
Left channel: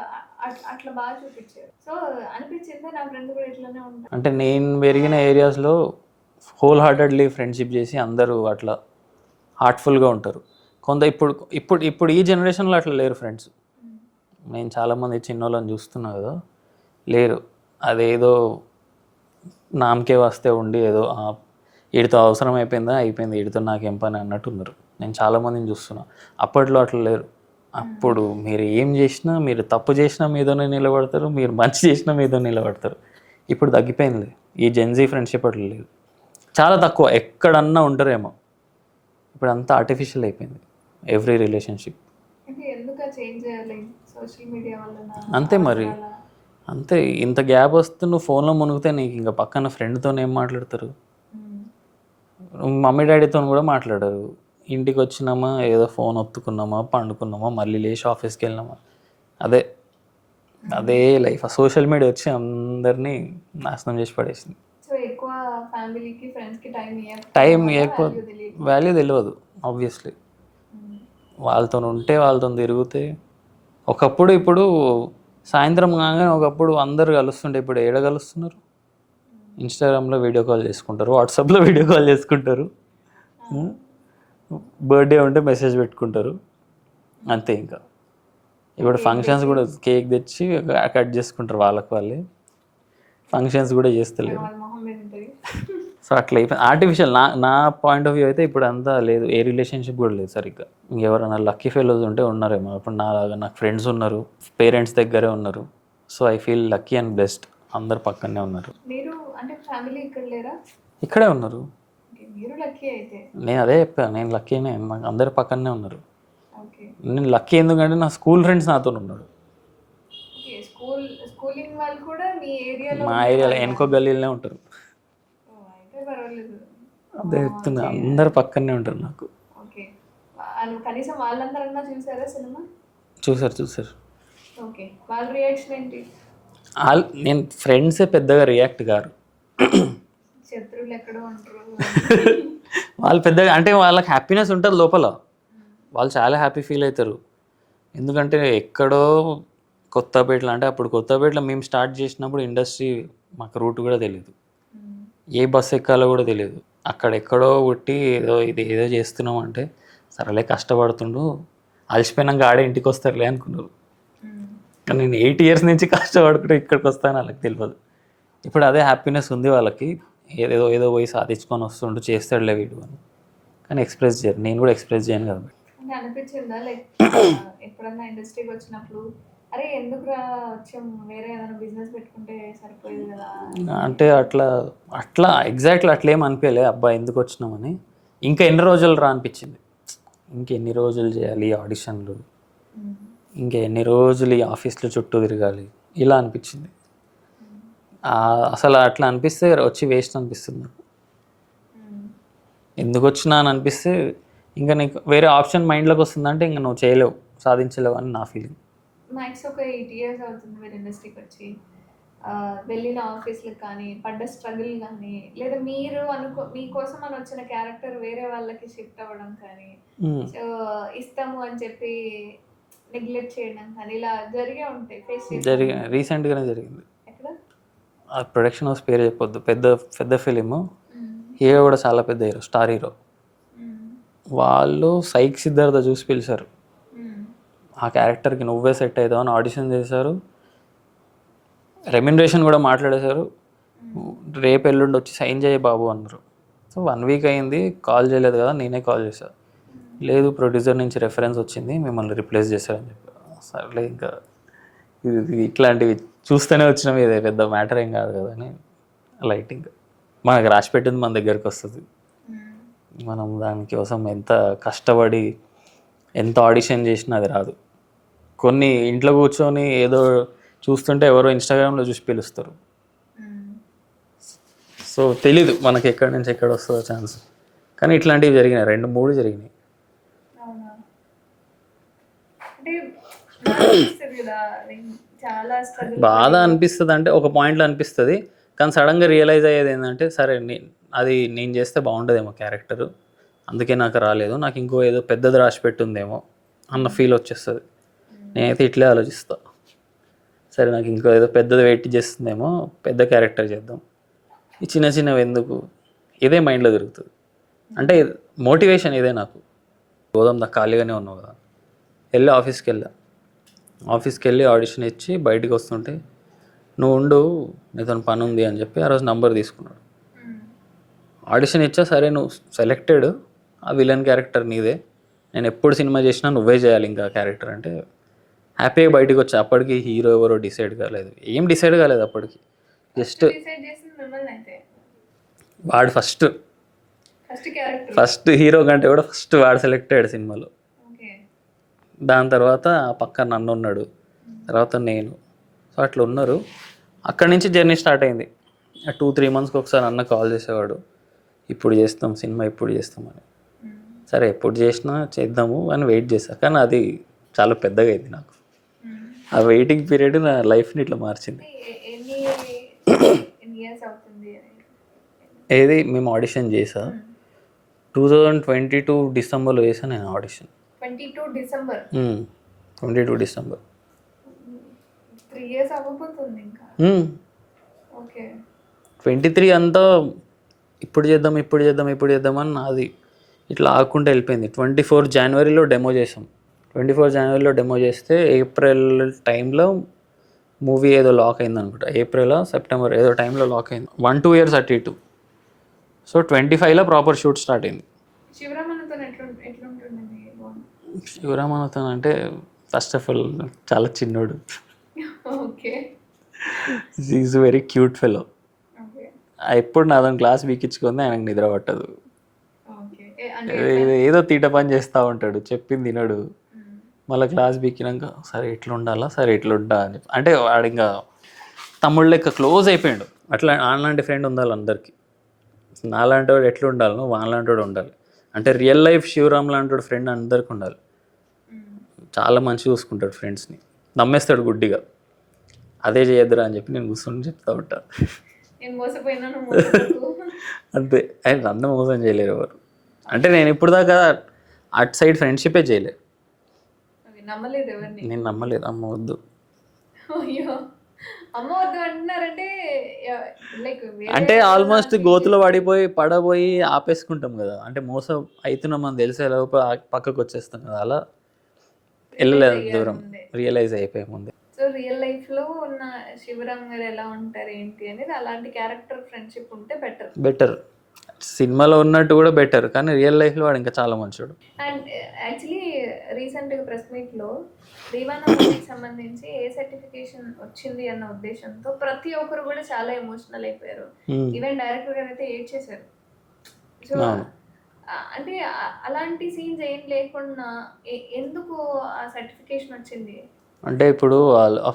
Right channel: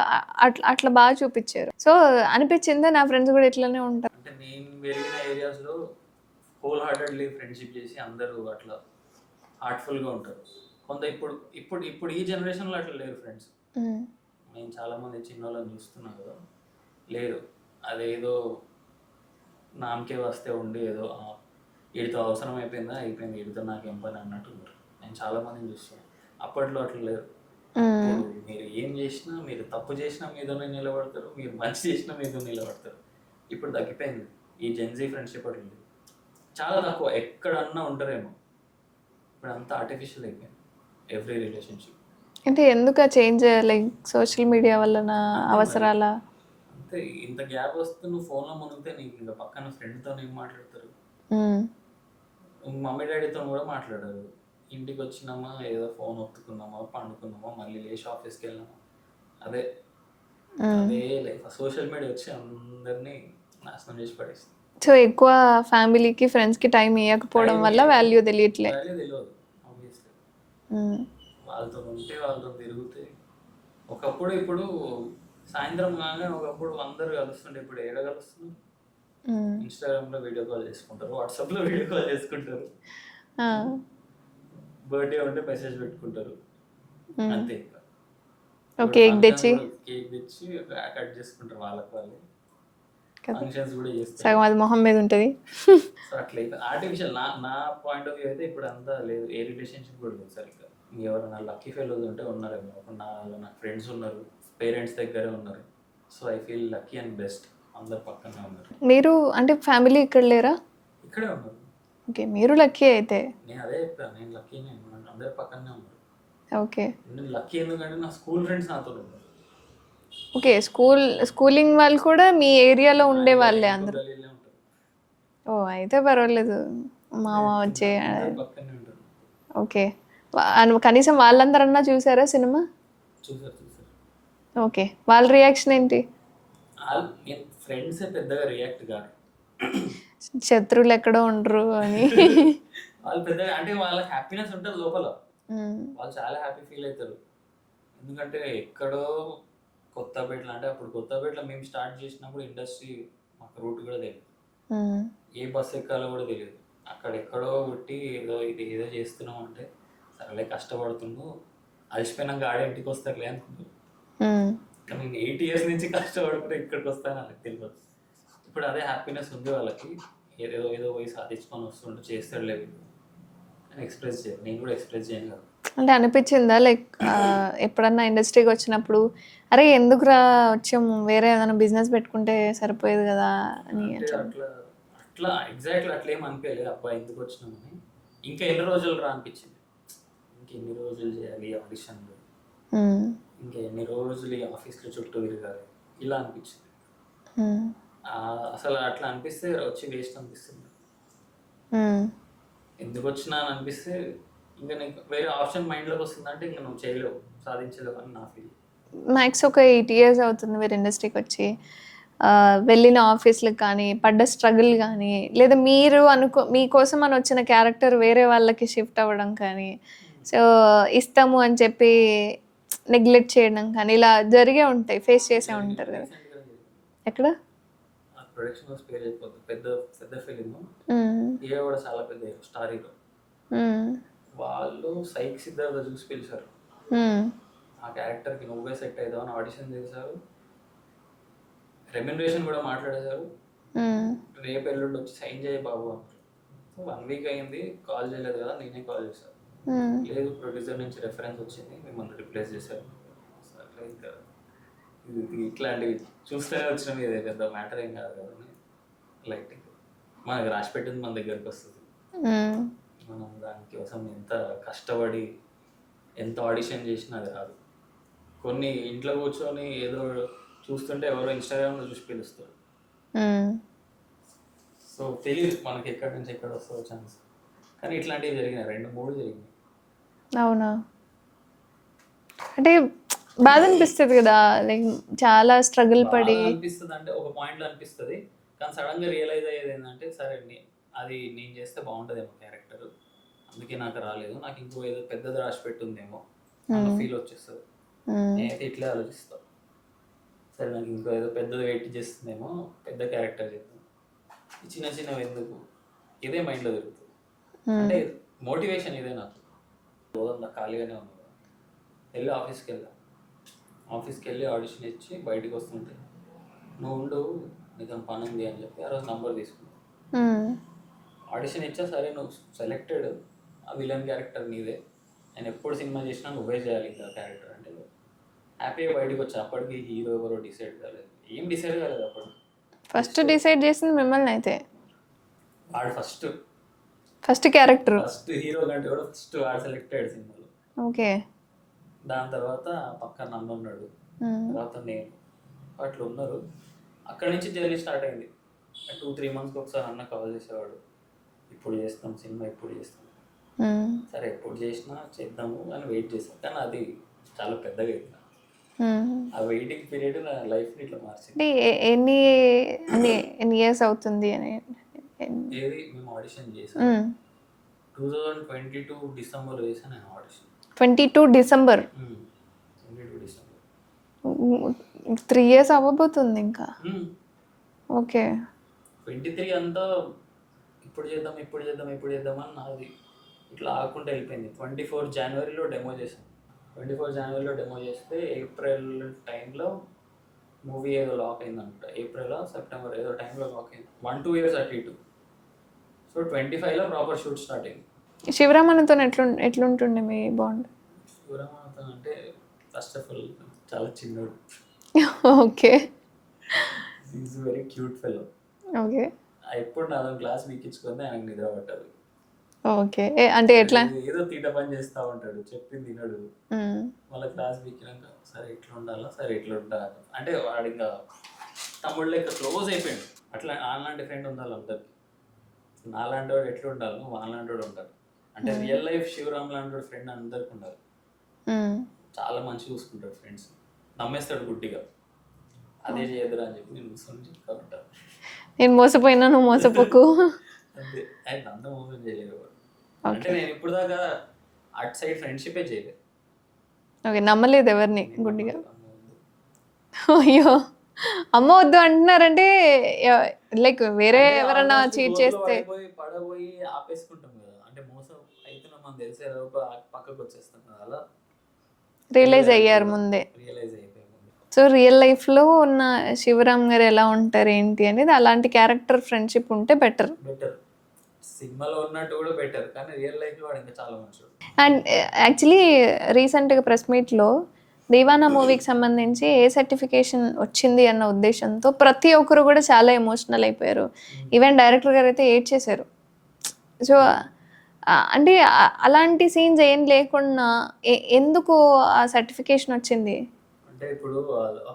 అట్లా బాగా చూపించారు. సో అనిపించింది నా ఫ్రెండ్స్ కూడా ఇట్లానే ఉంటారు. అంటే నేను పెరిగిన ఏరియాస్లో హోల్ హార్టెడ్లీ ఫ్రెండ్షిప్ చేసి అందరూ అట్లా హార్ట్ఫుల్గా ఉంటారు. కొంత ఇప్పుడు ఈ జనరేషన్లో అట్లా లేరు ఫ్రెండ్స్. నేను చాలామంది చిన్నోళ్ళని చూస్తున్నా కదా, లేరు. అదేదో నామకే వస్తే ఉండి ఏదో వీడితో అవసరం అయిపోయింది వీడితో నాకేం పని అన్నట్టు ఉన్నారు. నేను చాలామందిని చూస్తున్నా. అప్పట్లో అట్లా లేరు. అప్పుడు మీరు ఏం చేసినా, మీరు తప్పు చేసినా మీదోనే నిలబడతారు, మీరు మంచి చేసినా మీదో నిలబడతారు. ఇప్పుడు తగ్గిపోయింది ఈ జెన్జీ ఫ్రెండ్షిప్, అట్లా లేదు, చాలా తక్కువ. ఎక్కడన్నా ఉంటారేమో, ఇప్పుడు అంతా ఆర్టిఫిషియల్ అయిపోయింది ఎవ్రీ రిలేషన్షిప్. అంటే ఎందుకు చేంజ్ లైక్ సోషల్ మీడియా వల్ల? అంతే మరి, అంతే. ఇంత గ్యాప్ వస్తే నువ్వు ఫోన్లో మునిగితే నీకు ఇంకా పక్కన ఫ్రెండ్తో ఏం మాట్లాడతారు? మమ్మీ డాడీతో కూడా మాట్లాడరు. ఇంటికి వచ్చినామా ఏదో ఫోన్ ఒత్తుకున్నామా, పండుకున్నామా, మళ్ళీ లేచి ఆఫీస్కి వెళ్ళినామా, అదే లైఫ్. ఆ సోషల్ మీడియా వచ్చి అందరినీ నాశనం చేసి పడేసింది. సో ఎక్కువ ఫ్యామిలీకి ఫ్రెండ్స్కి టైం ఇవ్వకపోవడం వల్ల వాల్యూ తెలియదు ఆబ్వియస్లీ. వాళ్ళతో ఉంటే వాళ్ళతో తిరిగితే ఒకప్పుడు, ఇప్పుడు సాయంత్రం కాగానే ఒకప్పుడు అందరు కలుస్తుంటే ఇప్పుడు ఏడ కలుస్తున్నారు? ఇన్స్టాగ్రామ్లో వీడియో కాల్ చేసుకుంటారు, వాట్సాప్లో వీడియో కాల్ చేసుకుంటారు, బర్త్డే ఉంటే మెసేజ్ పెట్టుకుంటారు, అంతే. ఇంకా ఇప్పుడు ఫంక్షన్స్ కూడా కేక్ తెచ్చి కట్ చేసుకుంటారు వాళ్ళకి వాళ్ళే, ఫంక్షన్స్ కూడా చేస్తారు, మొహం మీద ఉంటుంది. సో అట్లా అయిపోయింది ఆర్టిఫిషియల్. నా పాయింట్ ఆఫ్ వ్యూ అయితే ఇప్పుడు అంతా లేదు, ఏ రిలేషన్షిప్ కూడా లేదు సరిగ్గా. ఇంకెవరైనా లక్కీ ఫెలోస్ ఉంటే ఉన్నారేమో. ఇప్పుడు నాకు ఫ్రెండ్స్ ఉన్నారు, పేరెంట్స్ దగ్గరే ఉన్నారు. So I feel lucky and best, అందరు పక్కనే ఉన్నారు. మీరు అంటే ఫ్యామిలీ ఇక్కడ లేరా? ఇక్కడే ఉన్నారు. ఓకే, మీరు లక్కీ అయితే. నేను అదే చెప్పాను, నేను లక్కీనే, నాకు అందరు పక్కనే ఉన్నారు. ఓకే, నేను లక్కీ ఎందుకంటే నా స్కూల్ ఫ్రెండ్స్ నాతో ఉన్నారు. ఓకే, స్కూలింగ్ వాళ్ళు కూడా మీ ఏరియాలో ఉండే వాళ్ళు? ఇంకో గల్లీలోనే ఉంటారు. ఓ అయితే పర్వాలేదు, అందరు పక్కనే ఉంటారు నాకు. ఓకే, కనీసం వాళ్ళందరన్నా చూసారా సినిమా? చూసారు. ఓకే, వాళ్ళ రియాక్షన్ ఏంటి? నేను ఫ్రెండ్సే పెద్దగా రియాక్ట్ గారు, శత్రువులు ఎక్కడో ఉండరు అని. వాళ్ళు పెద్దగా అంటే వాళ్ళకి హ్యాపీనెస్ ఉంటుంది లోపల, వాళ్ళు చాలా హ్యాపీ ఫీల్ అవుతారు. ఎందుకంటే ఎక్కడో కొత్తపేటలో, అంటే అప్పుడు కొత్తపేటలో మేము స్టార్ట్ చేసినప్పుడు ఇండస్ట్రీ మాకు రూట్ కూడా తెలియదు, ఏ బస్సు ఎక్కాలో కూడా తెలియదు. అక్కడెక్కడో కొట్టి ఏదో చేస్తున్నాం అంటే సరేలే కష్టపడుతుండు, అలసిపోయినాక ఆడే ఇంటికి వస్తారులే అనుకున్నారు. కానీ నేను 8 years నుంచి కష్టపడుకుంటే ఇక్కడికి వస్తాను వాళ్ళకి తెలియదు. ఇప్పుడు అదే హ్యాపీనెస్ ఉంది వాళ్ళకి, ఏదో పోయి సాధించుకొని వస్తుండు, చేస్తాడులే వీడు అని. కానీ ఎక్స్ప్రెస్ చేయరు, నేను కూడా ఎక్స్ప్రెస్ చేయను కాబట్టి. అంటే అనిపించిందా లైక్ ఎప్పుడన్నా ఇండస్ట్రీకి వచ్చినప్పుడు అరే ఎందుకురా వచ్చాము, వేరే ఏదైనా బిజినెస్ పెట్టుకుంటే సరిపోయేది కదా అంటే? అట్లా ఎగ్జాక్ట్లీ అట్లా ఏం అనిపించలే, అబ్బా ఎందుకు వచ్చినామని. ఇంకా ఎన్ని రోజులు రా అనిపించింది. ఇంకెన్ని రోజులు చేయాలి ఈ ఆడిషన్లు, ఇంకెన్ని రోజులు ఈ ఆఫీస్లో చుట్టూ తిరగాలి, ఇలా అనిపించింది. అసలు అట్లా అనిపిస్తే వచ్చి వేస్ట్ అనిపిస్తుంది నాకు. ఎందుకు వచ్చినా అని అనిపిస్తే ఇంకా నీకు వేరే ఆప్షన్ మైండ్లోకి వస్తుందంటే ఇంకా నువ్వు చేయలేవు, సాధించలేవు అని నా ఫీలింగ్. మ్యాక్స్ ఒక 8 years అవుతుంది మీరు ఇండస్ట్రీకి వచ్చి. వెళ్ళిన ఆఫీస్లకు కానీ పడ్డ స్ట్రగుల్ కానీ లేదా మీరు మీకోసం అని వచ్చిన క్యారెక్టర్ వేరే వాళ్ళకి షిఫ్ట్ అవ్వడం కానీ, సో ఇస్తాము అని చెప్పి నెగ్లెక్ట్ చేయడం కానీ ఇలా జరిగే ఉంటాయి, ఫేస్ చేసి. రీసెంట్గానే జరిగింది. ఎక్కడ? ఆ ప్రొడక్షన్ హౌస్ పేరు చెప్పొద్దు, పెద్ద పెద్ద ఫిలిము, హీరో కూడా చాలా పెద్ద హీరో, స్టార్ హీరో. వాళ్ళు సైక్ సిద్ధార్థ చూసి పిలిచారు, ఆ క్యారెక్టర్కి నువ్వే సెట్ అవుతావు అని ఆడిషన్ చేశారు. రెమ్యునరేషన్ కూడా మాట్లాడేశారు. రేపు ఎల్లుండి వచ్చి సైన్ చేయ బాబు అన్నారు. సో 1 week అయింది, కాల్ చేయలేదు కదా, నేనే కాల్ చేశాను. లేదు ప్రొడ్యూసర్ నుంచి రెఫరెన్స్ వచ్చింది, మిమ్మల్ని రిప్లేస్ చేశారని చెప్పారు. సర్లే ఇంకా ఇట్లాంటివి చూస్తూనే వచ్చినాం, ఇదే పెద్ద మ్యాటర్ ఏం కాదు కదా అని లైటింగ్. మనకు రాసి పెట్టింది మన దగ్గరికి వస్తుంది, మనం దానికోసం ఎంత కష్టపడి ఎంత ఆడిషన్ చేసినా అది రాదు. కొన్ని ఇంట్లో కూర్చొని ఏదో చూస్తుంటే ఎవరో ఇన్స్టాగ్రామ్లో చూసి పిలుస్తారు. సో తెలీదు మనకి ఎక్కడి నుంచి ఎక్కడ వస్తుందో ఛాన్స్. కానీ ఇట్లాంటివి జరిగినాయి, 2-3 జరిగినాయి. అవునా? అంటే బాధ అనిపిస్తుంది కదా, లైక్ చాలా స్ట్రగుల్. బాధ అనిపిస్తుంది అంటే ఒక పాయింట్లో అనిపిస్తుంది, కానీ సడన్గా రియలైజ్ అయ్యేది ఏంటంటే సరే అది నేను చేస్తే బాగుంటుందేమో క్యారెక్టరు, అందుకే నాకు రాలేదు, నాకు ఇంకో ఏదో పెద్దది రాసి పెట్టుందేమో అన్న ఫీల్ వచ్చేస్తుంది. నేనైతే ఇట్లే ఆలోచిస్తా, సరే నాకు ఇంకో ఏదో పెద్దది వెయిట్ చేస్తుందేమో, పెద్ద క్యారెక్టర్ చేద్దాం, ఈ చిన్న చిన్నవి ఎందుకు, ఇదే మైండ్లో తిరుగుతుంది. అంటే మోటివేషన్ ఇదే నాకు. పోదాం, నాకు ఖాళీగానే ఉన్నావు కదా, వెళ్ళి ఆఫీస్కి వెళ్ళి ఆడిషన్ ఇచ్చి బయటికి వస్తుంటే నువ్వు ఉండు నీతో పని ఉంది అని చెప్పి ఆ రోజు నంబర్ తీసుకున్నాడు. ఆడిషన్ ఇచ్చా, సరే నువ్వు సెలెక్టెడ్, ఆ విలన్ క్యారెక్టర్ నీదే, నేను ఎప్పుడు సినిమా చేసినా నువ్వే చేయాలి ఇంకా క్యారెక్టర్ అంటే హ్యాపీగా బయటకు వచ్చా. అప్పటికి హీరో ఎవరో డిసైడ్ కాలేదు, ఏం డిసైడ్ కాలేదు అప్పటికి. ఫస్ట్ డిసైడ్ చేసింది మిమ్మల్ని అయితే. వాడు ఫస్ట్ క్యారెక్టర్, ఫస్ట్ హీరో కంటే కూడా ఫస్ట్ వాడు సెలెక్ట్ అయ్యాడు సినిమాలో. ఓకే. దాని తర్వాత పక్కన నన్ను ఉన్నాడు, తర్వాత నేను. సో అట్లా ఉన్నారు. అక్కడి నుంచి జర్నీ స్టార్ట్ అయింది. 2-3 monthsకి ఒకసారి అన్న కాల్ చేసేవాడు, ఇప్పుడు చేస్తాం సినిమా, ఇప్పుడు చేస్తామని. సరే ఎప్పుడు చేసినా చేద్దాము అని వెయిట్ చేశా, కానీ అది చాలా పెద్దగా అయింది నాకు. ఆ వెయిటింగ్ పీరియడ్ నా లైఫ్ని ఇట్లా మార్చింది. ఎన్ని ఇయర్స్ అవుతుంది అని? ఏది మేము ఆడిషన్ చేసా 2022 డిసెంబర్లో చేశాను నేను ఆడిషన్. 22 డిసెంబర్. 22 డిసెంబర్. 3 years అవ్వబోతుంది ఇంకా. ఓకే. 23 అంతా ఇప్పుడు చేద్దాం అని నాది ఇట్లా ఆకుంటూ వెళ్ళిపోయింది. 24 జనవరిలో డెమో చేసాం. 24 జనవరిలో డెమో చేస్తే ఏప్రిల్ టైంలో మూవీ ఏదో లాక్ అయింది అనుకుంటా, ఏప్రిల్ సెప్టెంబర్ ఏదో టైంలో లాక్ అయింది. 1-2 years అటు ఇటు. సో 25లో ప్రాపర్ షూట్ స్టార్ట్ అయింది. శివరామన్తో ఎట్లుంటుండే మీ బాండ్? శివరామన్తో అంటే ఫస్ట్ ఆఫ్ ఆల్ చాలా చిన్నోడు. Okay. Is very cute fellow. Okay. ఎప్పుడు నాతో క్లాస్ వీకించుకుంది, ఆయనకు నిద్ర పట్టదు. ఓకే. అంటే ఎట్లా? ఏదో తీట పని చేస్తూ ఉంటాడు, చెప్పింది తినడు. మళ్ళీ క్లాస్ బీకినాక సరే ఇట్లా ఉండాలా, సరే ఇట్లా ఉంటా అని అంటే వాడు ఇంకా తమ్ముడు లెక్క క్లోజ్ అయిపోయాడు. అట్లా అలాంటి ఫ్రెండ్ ఉండాలి అందరికీ. నాలాంటి వాడు ఎట్లా ఉండాలి, నువ్వు వాళ్ళలాంటి వాడు ఉండాలి. అంటే రియల్ లైఫ్ శివరామ్ లాంటి వాడు ఫ్రెండ్ అందరికి ఉండాలి. చాలా మంచిగా చూసుకుంటాడు ఫ్రెండ్స్ని, నమ్మేస్తాడు గుడ్డిగా. అదే చేయొద్దురా అని చెప్పి నేను కూర్చొని చెప్తా ఉంటాను. నేను మోసపోయినా నువ్వు మోసపోకు అంతే. ఆయన నన్ను మోసం చేయలేరు ఎవరు. అంటే నేను ఇప్పుడు దాకా అటు సైడ్ ఫ్రెండ్షిపే చేయలేదు. ఓకే. నమ్మలేదు ఎవరిని? నేను నమ్మలేదు. అమ్మ వద్దు. అయ్యో, అమ్మ వద్దు అంటున్నారంటే లైక్ వేరే అంటే ఆల్మోస్ట్ గోతులో పడబోయి ఆపేసుకుంటాం కదా, అంటే మోసం అవుతున్నాం అని తెలిసే లోపు పక్కకు వచ్చేస్తాం కదా, అలా రియలైజ్ అయ్యారు ముందే. రియలైజ్ అయిపోయే ముందే. సో రియల్ లైఫ్లో ఉన్న శివరామ్ గారు ఎలా ఉంటారు ఏంటి అనేది, అలాంటి క్యారెక్టర్ ఫ్రెండ్షిప్ ఉంటే బెటర్. సినిమాలో ఉన్నట్టు కూడా బెటర్, కానీ రియల్ లైఫ్లో వాడు ఇంకా చాలా మంచివాడు. అండ్ యాక్చువల్లీ రీసెంట్గా ప్రెస్ మీట్లో దీవానా మూవీకి సంబంధించి ఏ సర్టిఫికేషన్ వచ్చింది అన్న ఉద్దేశంతో ప్రతి ఒక్కరు కూడా చాలా ఎమోషనల్ అయిపోయారు. ఈవెన్ డైరెక్టర్ గారు అయితే ఏడ్ చేశారు. సో అంటే అలాంటి సీన్స్ ఏం లేకుండా ఎందుకు ఆ సర్టిఫికేషన్ వచ్చింది? అంటే ఇప్పుడు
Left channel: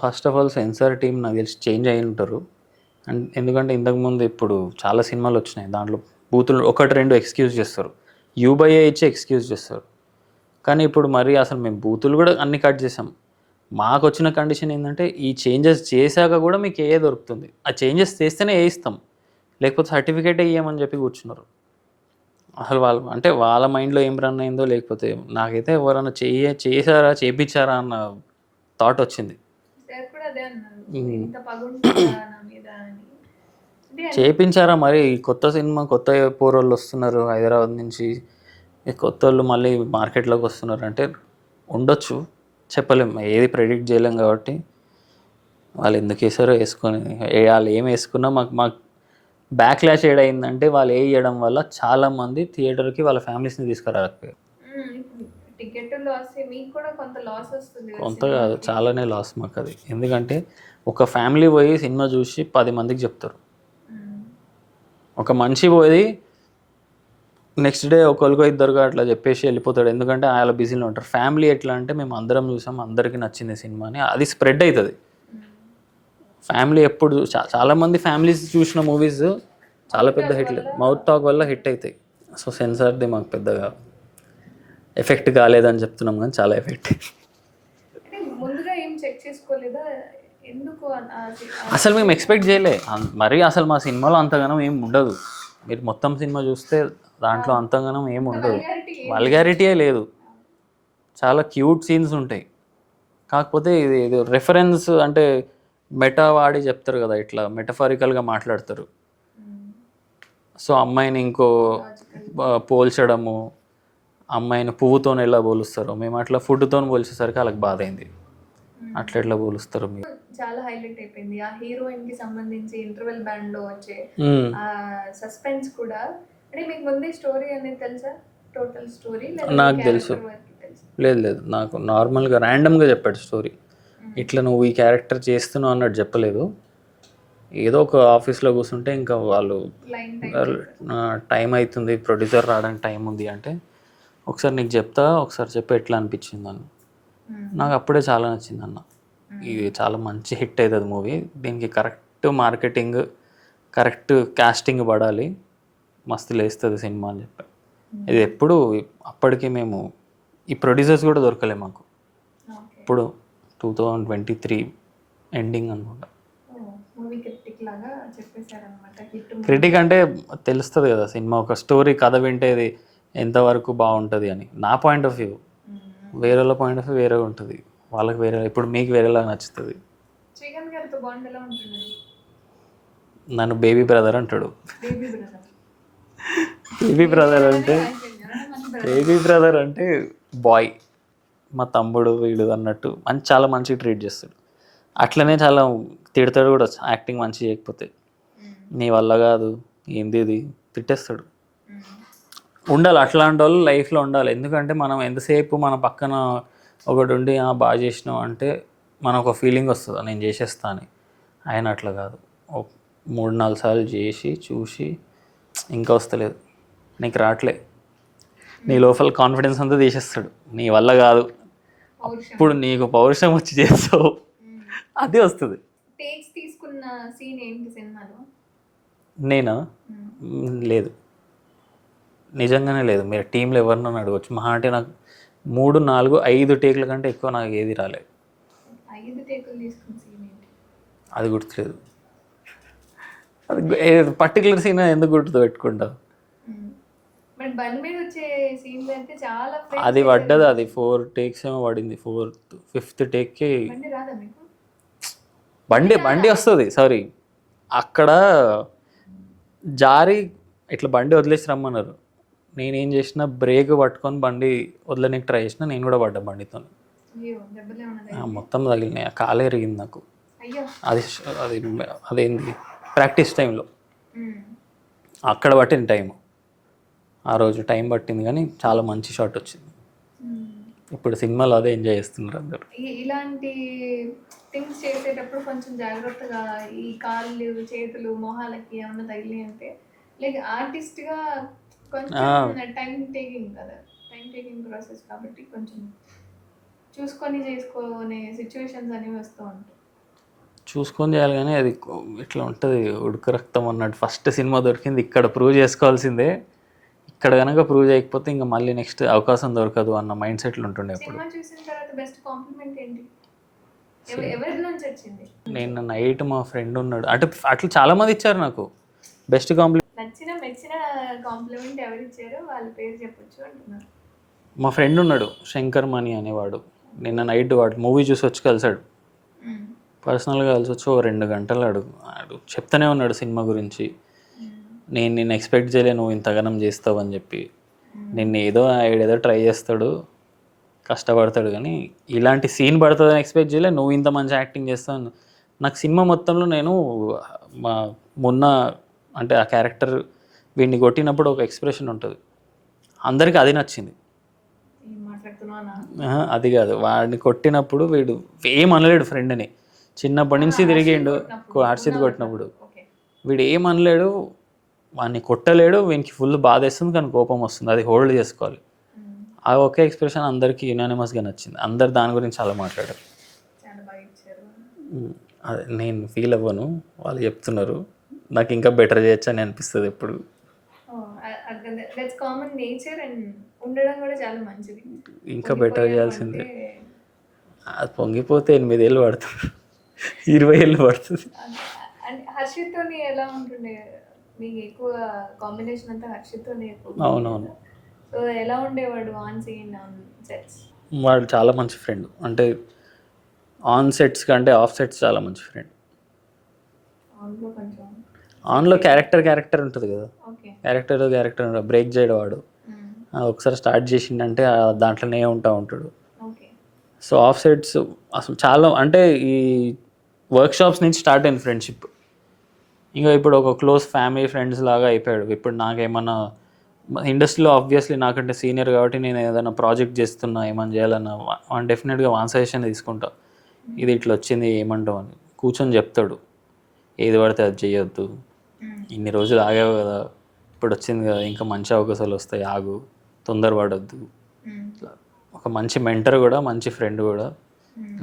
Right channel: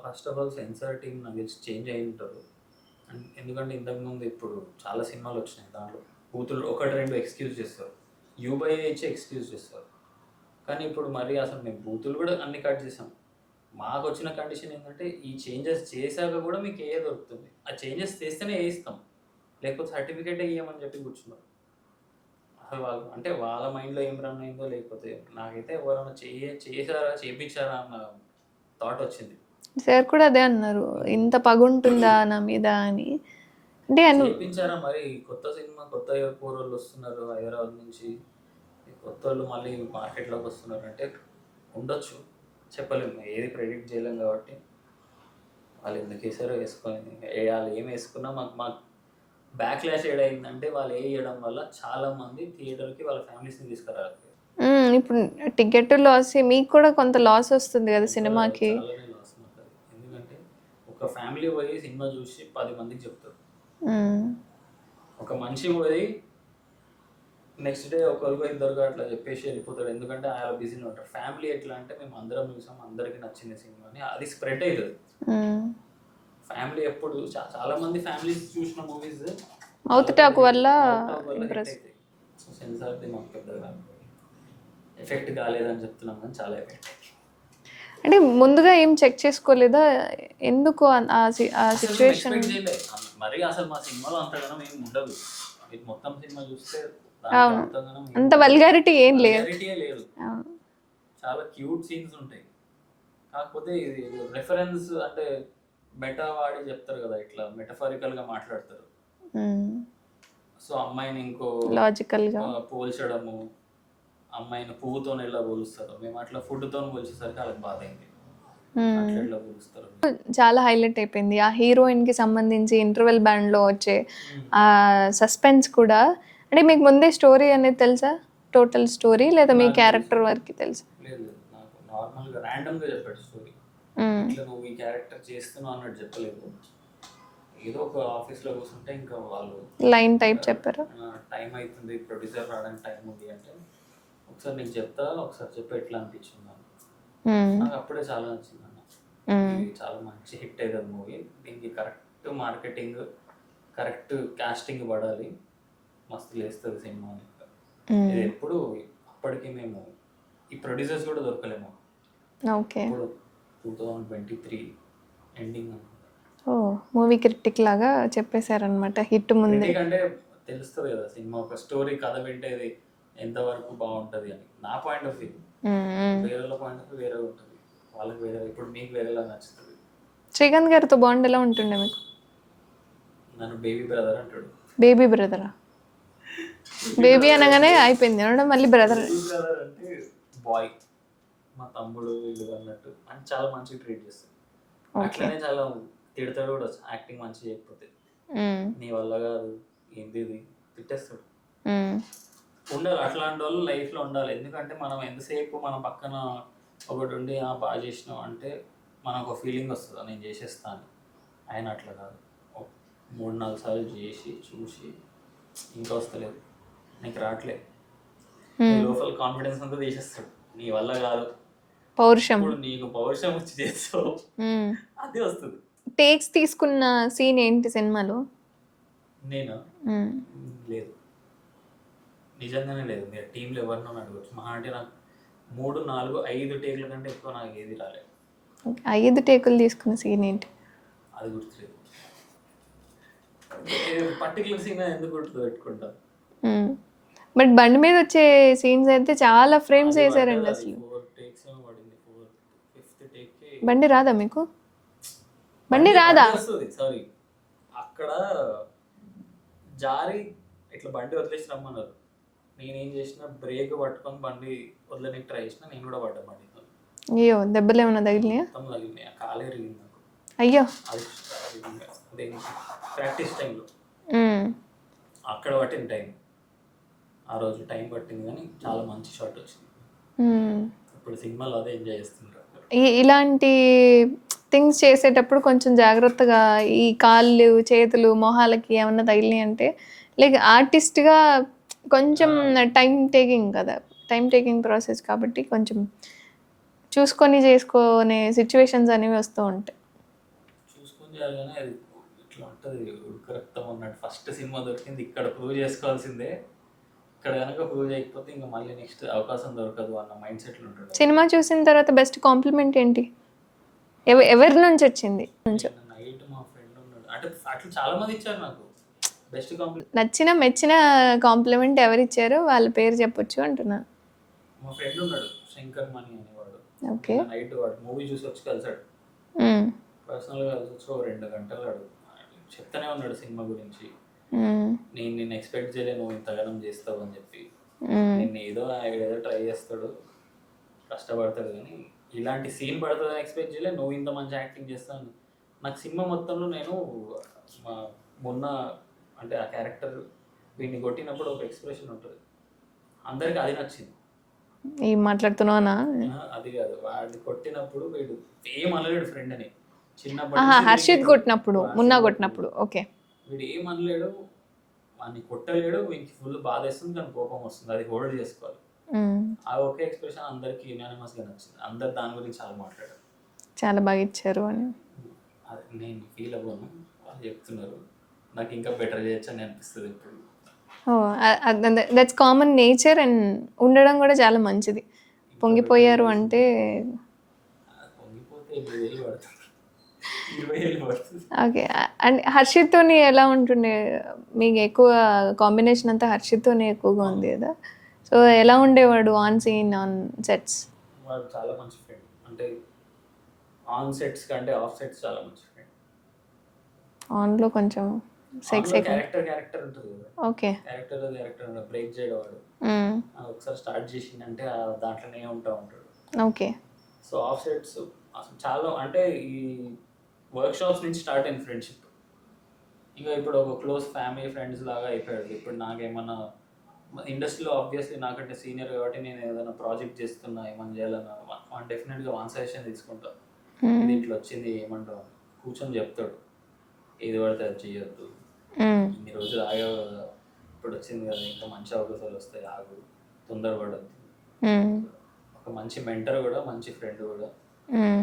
first of all censor team నాకు తెలిసి చేంజ్ అయి ఉంటారు. అండ్ ఎందుకంటే ఇంతకుముందు ఇప్పుడు చాలా సినిమాలు వచ్చినాయి. దాంట్లో బూతులు 1, 2 ఎక్స్‌క్యూజ్ చేస్తారు. యూ/ఏ ఇచ్చి ఎక్స్‌క్యూజ్ చేస్తారు. కానీ ఇప్పుడు మరి అసలు మేము బూతులు కూడా అన్ని కట్ చేసాం. మాకొచ్చిన కండిషన్ ఏందంటే ఈ చేంజెస్ చేశాక కూడా మీకు ఏఏ దొరుకుతుంది. ఆ చేంజెస్ చేస్తేనే ఏ ఇస్తాం. లేకపోతే సర్టిఫికేటే ఇయ్యమని చెప్పి కూర్చున్నారు. అసలు వాళ్ళు అంటే వాళ్ళ మైండ్‌లో ఏం రన్ అయిందో లేకపోతే నాకైతే ఎవరైనా చేశారా, చేపిచ్చారా అన్న థాట్ వచ్చింది. సార్ కూడా అదే అన్నారు. ఇంత పగుంటుందా నా మీద అని. అంటే చేపించారా మరి కొత్త సినిమా కొత్త పోరోళ్ళు వస్తున్నారు హైదరాబాద్ నుంచి. ఈ కొత్తోళ్ళు మళ్ళీ మార్కెట్‌లోకి వస్తున్నారు అంటే ఉండొచ్చు. చెప్పలేం. ఏది ప్రెడిక్ట్ చేయలేం కాబట్టి వాళ్ళు ఎందుకేసారో ఏసుకొని వాళ్ళు ఏం ఏసుకున్నా మాకు బ్యాక్‌లాష్ ఏడయిందంటే వాళ్ళు ఏయడం వల్ల చాలామంది థియేటర్‌కి వాళ్ళ ఫ్యామిలీస్‌ని తీసుకురాలేకపోయారు. ఇప్పుడు టికెట్ లాస్ మీకు కూడా కొంత లాస్ వస్తుంది కదా కొంత కాదు సినిమాకి. చాలానే లాస్ మాకది. ఎందుకంటే ఒక ఫ్యామిలీ పోయి సినిమా చూసి 10 మందికి చెప్తారు. మ్మ్. ఒక మనిషి పోయి నెక్స్ట్ డే ఒకరికో ఇద్దరుగా అట్లా చెప్పేసి వెళ్ళిపోతాడు. ఎందుకంటే ఆయన బిజీలో ఉంటారు. ఫ్యామిలీ ఎట్లా అంటే మేము అందరం చూసాం, అందరికీ నచ్చింది సినిమా అని అది స్ప్రెడ్ అవుతుంది. మ్మ్. ఫ్యామిలీ ఎప్పుడు చాలా మంది ఫ్యామిలీస్ చూసిన మూవీస్ చాలా మౌత్ టాక్ వల్ల హిట్ అవుతాయి. సో సెన్సార్ది మాకు పెద్దగా ఎఫెక్ట్ కాలేదని చెప్తున్నాం కానీ చాలా ఎఫెక్ట్. అంటే ముందుగా ఏం చెక్ చేసుకోలేదా ఎందుకు అసలు మేము ఎక్స్పెక్ట్ చేయలే. మరి అసలు మా సినిమాలో అంతగానం ఏం ఉండదు. మీరు మొత్తం సినిమా చూస్తే దాంట్లో అంతగానం ఏం వల్గారిటీయే లేదు. చాలా క్యూట్ సీన్స్ ఉంటాయి. కాకపోతే ఇది రెఫరెన్స్ అంటే మెటా వాడి చెప్తారు కదా, ఇట్లా మెటఫారికల్గా మాట్లాడతారు. సో అమ్మాయిని ఇంకో పోల్చడము, అమ్మాయిని పువ్వుతో ఎలా పోలుస్తారో మేము అట్లా ఫుడ్తో పోల్చేసరికి వాళ్ళకి బాధ అయింది. అట్లా ఎట్లా పోలుస్తారు. చాలా హైలైట్ అయిపోయింది ఆ హీరోయిన్ కి సంబంధించి ఇంటర్వెల్ బ్యాండ్ లో వచ్చే ఆ సస్పెన్స్ కూడా. అంటే మీకు ముందే స్టోరీ అనేది తెలుసా, టోటల్ స్టోరీ, లేదా మీ క్యారెక్టర్ వరకు తెలుసా? లేదు నాకు నార్మల్గా ర్యాండమ్గా చెప్పాడు స్టోరీ. ఇట్లా నువ్వు ఈ క్యారెక్టర్ చేస్తున్నావు అన్నట్టు చెప్పలేదు. ఏదో ఒక ఆఫీస్లో కూర్చుంటే ఇంకా వాళ్ళు లైన్ టైప్ చెప్పారు. టైం అవుతుంది, ప్రొడ్యూసర్ రావడానికి టైం ఉంది అంటే ఒకసారి నీకు చెప్తా, ఒకసారి చెప్పి ఎట్లా అనిపించింది అని. నాకు అప్పుడే చాలా నచ్చింది అన్న. ఇది చాలా మంచి హిట్ అవుతుంది మూవీ. దీనికి కరెక్ట్ మార్కెటింగ్, కరెక్ట్ కాస్టింగ్ పడాలి, మస్తు లేస్తుంది సినిమా అని చెప్పి. ఇది ఎప్పుడు అప్పటికి మేము ఈ ప్రొడ్యూసర్స్ కూడా దొరకలే మాకు. ఇప్పుడు 2023 ఎండింగ్ అనుకుంటా. మూవీ క్రిటిక్ లాగా చెప్పేశారనమాట. హిట్ క్రిటిక్ అంటే తెలుస్తుంది కదా సినిమా ఒక స్టోరీ కథ వింటే ఇది ఎంతవరకు బాగుంటుంది అని. నా పాయింట్ ఆఫ్ వ్యూ, వేరే వాళ్ళ పాయింట్ ఆఫ్ వ్యూ వేరే ఉంటుంది. వాళ్ళకి వేరే, ఇప్పుడు మీకు వేరేలా నచ్చుతుంది. శ్రీకాంత్ గారితో బాండ్ ఎలా ఉంటుండే మీకు? నన్ను బేబీ బ్రదర్ అంటాడు. బేబీ బ్రదరా? బేబీ అనగానే అయిపోయింది, మళ్ళీ బ్రదర్. బేబీ బ్రదర్ అంటే బాయ్, మా తమ్ముడు వీడు అన్నట్టు చాలా మంచిగా ట్రీట్ చేస్తాడు. అట్లనే చాలా తిడతాడు కూడా, యాక్టింగ్ మంచి చేయకపోతే. నీ వల్ల కాదు, ఏంది ఇది తిట్టేస్తాడు. ఉండాలి అట్లాంటి వాళ్ళు లైఫ్లో ఉండాలి. ఎందుకంటే మనం ఎంతసేపు మన పక్కన ఒకటి ఉండి బాగా చేసినావు అంటే మనకు ఒక ఫీలింగ్ వస్తుంది, నేను చేసేస్తా అని. ఆయన అట్లా కాదు, 3-4 సార్లు చేసి చూసి ఇంకా వస్తలేదు, నీకు రావట్లే, నీ లోపల కాన్ఫిడెన్స్ అంతా తీసేస్తాడు. నీ వల్ల కాదు, పౌరుషం, ఇప్పుడు నీకు పౌరుషం వచ్చి చేస్తావు, అది వస్తుంది. టేక్స్ తీసుకున్న సీన్ ఏంటి సినిమాలో? నేనా? లేదు, నిజంగానే లేదు. మీరు టీంలో ఎవరినో అడగవచ్చు. మహా అంటే నాకు 3, 4, 5 టేకుల కంటే ఎక్కువ నాకు ఏది రాలేదు. 5 టేకులు తీసుకున్న సీన్ ఏంటి? అది గుర్తులేదు. పర్టికులర్ సీన్ ఎందుకు గుర్తు పెట్టుకుంటా. బట్ బండి మీద వచ్చే సీన్స్ అయితే చాలా ఫ్రేమ్స్ అది పడ్డది. అది 4 టేక్స్ ఏమో పడింది. 5th టేక్కి బండి రాదా మీకు? బండి వస్తుంది. సారీ, అక్కడ జారి ఇట్లా బండి వదిలేసి రమ్మన్నారు. నేనేం చేసిన, బ్రేక్ పట్టుకొని బండి వదలనికి ట్రై చేసిన, నేను కూడా పడ్డా బండితో. అయ్యో, దెబ్బలు ఏమైనా తగిలినాయా? మొత్తం తగిలినాయి, కాలే ఎరిగింది నాకు. అయ్యో, అదేంది ప్రాక్టీస్ టైంలో అక్కడ పట్టింది టైం. ఆ రోజు టైం పట్టింది కానీ చాలా మంచి షాట్ వచ్చింది. ఇప్పుడు సినిమాలో అదే ఎంజాయ్ చేస్తున్నారు అందరు. ఇలాంటి థింగ్స్ చేసేటప్పుడు కొంచెం జాగ్రత్తగా, ఈ కాళ్ళు చేతులు మొహాలకి ఏమన్నా తగిలినాయి అంటే లైక్ ఆర్టిస్ట్గా కొంచెం టైం టేకింగ్ ప్రాసెస్ కాబట్టి కొంచెం చూసుకొని చేసుకునే సిచ్యువేషన్స్ అనేవి వస్తూ ఉంటాయి. చూసుకొని చేయాలి కానీ అది ఇట్లా ఉంటుంది ఉడుకు రక్తం అన్నట్టు. ఫస్ట్ సినిమా దొరికింది ఇక్కడ ప్రూవ్ చేసుకోవాల్సిందే, ఇక్కడ కనుక ప్రూవ్ చేయకపోతే ఇంకా మళ్ళీ నెక్స్ట్ అవకాశం దొరకదు అన్న మైండ్ సెట్లు ఉంటుండే. సినిమా చూసిన తర్వాత బెస్ట్ కాంప్లిమెంట్ ఏంటి? ఎవరి నుంచి వచ్చింది? నేను నైట్ మా ఫ్రెండ్ ఉన్నాడు, అంటే అట్లా చాలా మంది ఇచ్చారు నాకు బెస్ట్ కాంప్లిమెంట్. మెచ్చిన కాంప్లిమెంట్ ఎవరు ఇచ్చారో వాళ్ళ పేరు చెప్పొచ్చు అంటున్నారు. మా ఫ్రెండ్ ఉన్నాడు శంకర్ మణి అనేవాడు, నిన్న నైట్ వాడు మూవీ చూసి వచ్చి కలిసాడు, పర్సనల్గా కలిసి వచ్చి 2 గంటలు ఆడు చెప్తానే ఉన్నాడు సినిమా గురించి. నేను నిన్ను ఎక్స్పెక్ట్ చేయలే నువ్వు ఇంతగానం చేస్తావు అని చెప్పి. నిన్ను ఏదో ట్రై చేస్తాడు, కష్టపడతాడు, కానీ ఇలాంటి సీన్ పడుతుందని ఎక్స్పెక్ట్ చేయలే, నువ్వు ఇంత మంచి యాక్టింగ్ చేస్తావు. నాకు సినిమా మొత్తంలో నేను మొన్న అంటే ఆ క్యారెక్టర్ వీడిని కొట్టినప్పుడు ఒక ఎక్స్ప్రెషన్ ఉంటుంది, అందరికీ అది నచ్చింది. ఏం మాట్లాడుతున్నానా? అది కాదు, వాడిని కొట్టినప్పుడు వీడు ఏమనలేడు ఫ్రెండ్ని, చిన్నప్పటి నుంచి కొట్టినప్పుడు వీడు ఏమనలేడు, వాడిని కొట్టలేడు, వీనికి ఫుల్ బాధ వేస్తుంది కానీ కోపం వస్తుంది, అది హోల్డ్ చేసుకోవాలి. ఆ ఒకే ఎక్స్ప్రెషన్ అందరికీ యునానిమస్గా నచ్చింది, అందరు దాని గురించి చాలా మాట్లాడారు, చాలా బాగా ఇచ్చారు అని. అదే నేను ఫీల్ అవ్వను, వాళ్ళు చెప్తున్నారు, నాకు ఇంకా బెటర్ చేయొచ్చు అని అనిపిస్తుంది ఎప్పుడు. దట్స్ కామన్ నేచర్ అండ్ ఉండడం కూడా చాలా మంచిది. పొంగిపోయారు అంటే అది పొంగిపోతే 8 ఏళ్ళు పడుతుంది, 20 ఏళ్ళు పడుతుంది. ఓకే. అండ్ హర్షిత్తోని ఎలా ఉంటుండే మీకు? ఎక్కువ కాంబినేషన్ అంతా హర్షిత్తోనే ఎక్కువగా ఉండేదా? సో ఎలా ఉండేవాడు ఆన్ సీన్, ఆన్ సెట్స్? వాడు చాలా మంచి ఫ్రెండ్, అంటే ఆన్ సెట్స్ కంటే ఆఫ్ సెట్స్ చాలా మంచి ఫ్రెండ్. ఆన్లో కొంచెం ఆన్లో క్యారెక్టర్ ఉంటుంది కదా, ఓకే, క్యారెక్టర్ బ్రేక్ చేయడం వాడు. ఒకసారి స్టార్ట్ చేసిండంటే దాంట్లోనే ఉంటాడు. ఓకే. సో ఆఫ్ సెట్స్ అసలు చాలా, అంటే ఈ వర్క్షాప్స్ నుంచి స్టార్ట్ అయింది ఫ్రెండ్షిప్, ఇంకా ఇప్పుడు ఒక క్లోజ్ ఫ్యామిలీ ఫ్రెండ్స్ లాగా అయిపోయాడు. ఇప్పుడు నాకేమన్నా ఇండస్ట్రీలో ఆబ్వియస్లీ నాకంటే సీనియర్ కాబట్టి నేను ఏదైనా ప్రాజెక్ట్ చేస్తున్నా, ఏమైనా చేయాలన్నా డెఫినెట్గా వన్ సజెషన్ తీసుకుంటా, ఇది ఇట్లా వచ్చింది ఏమంటావు అని కూర్చొని చెప్తాడు. ఏది పడితే అది చేయొద్దు, ఇన్ని రోజులు ఆగావు కదా, ఇప్పుడు వచ్చింది కదా, ఇంకా మంచి అవకాశాలు వస్తాయి, ఆగు, తొందరపడొద్దు. ఒక మంచి మెంటర్ కూడా, మంచి ఫ్రెండ్ కూడా,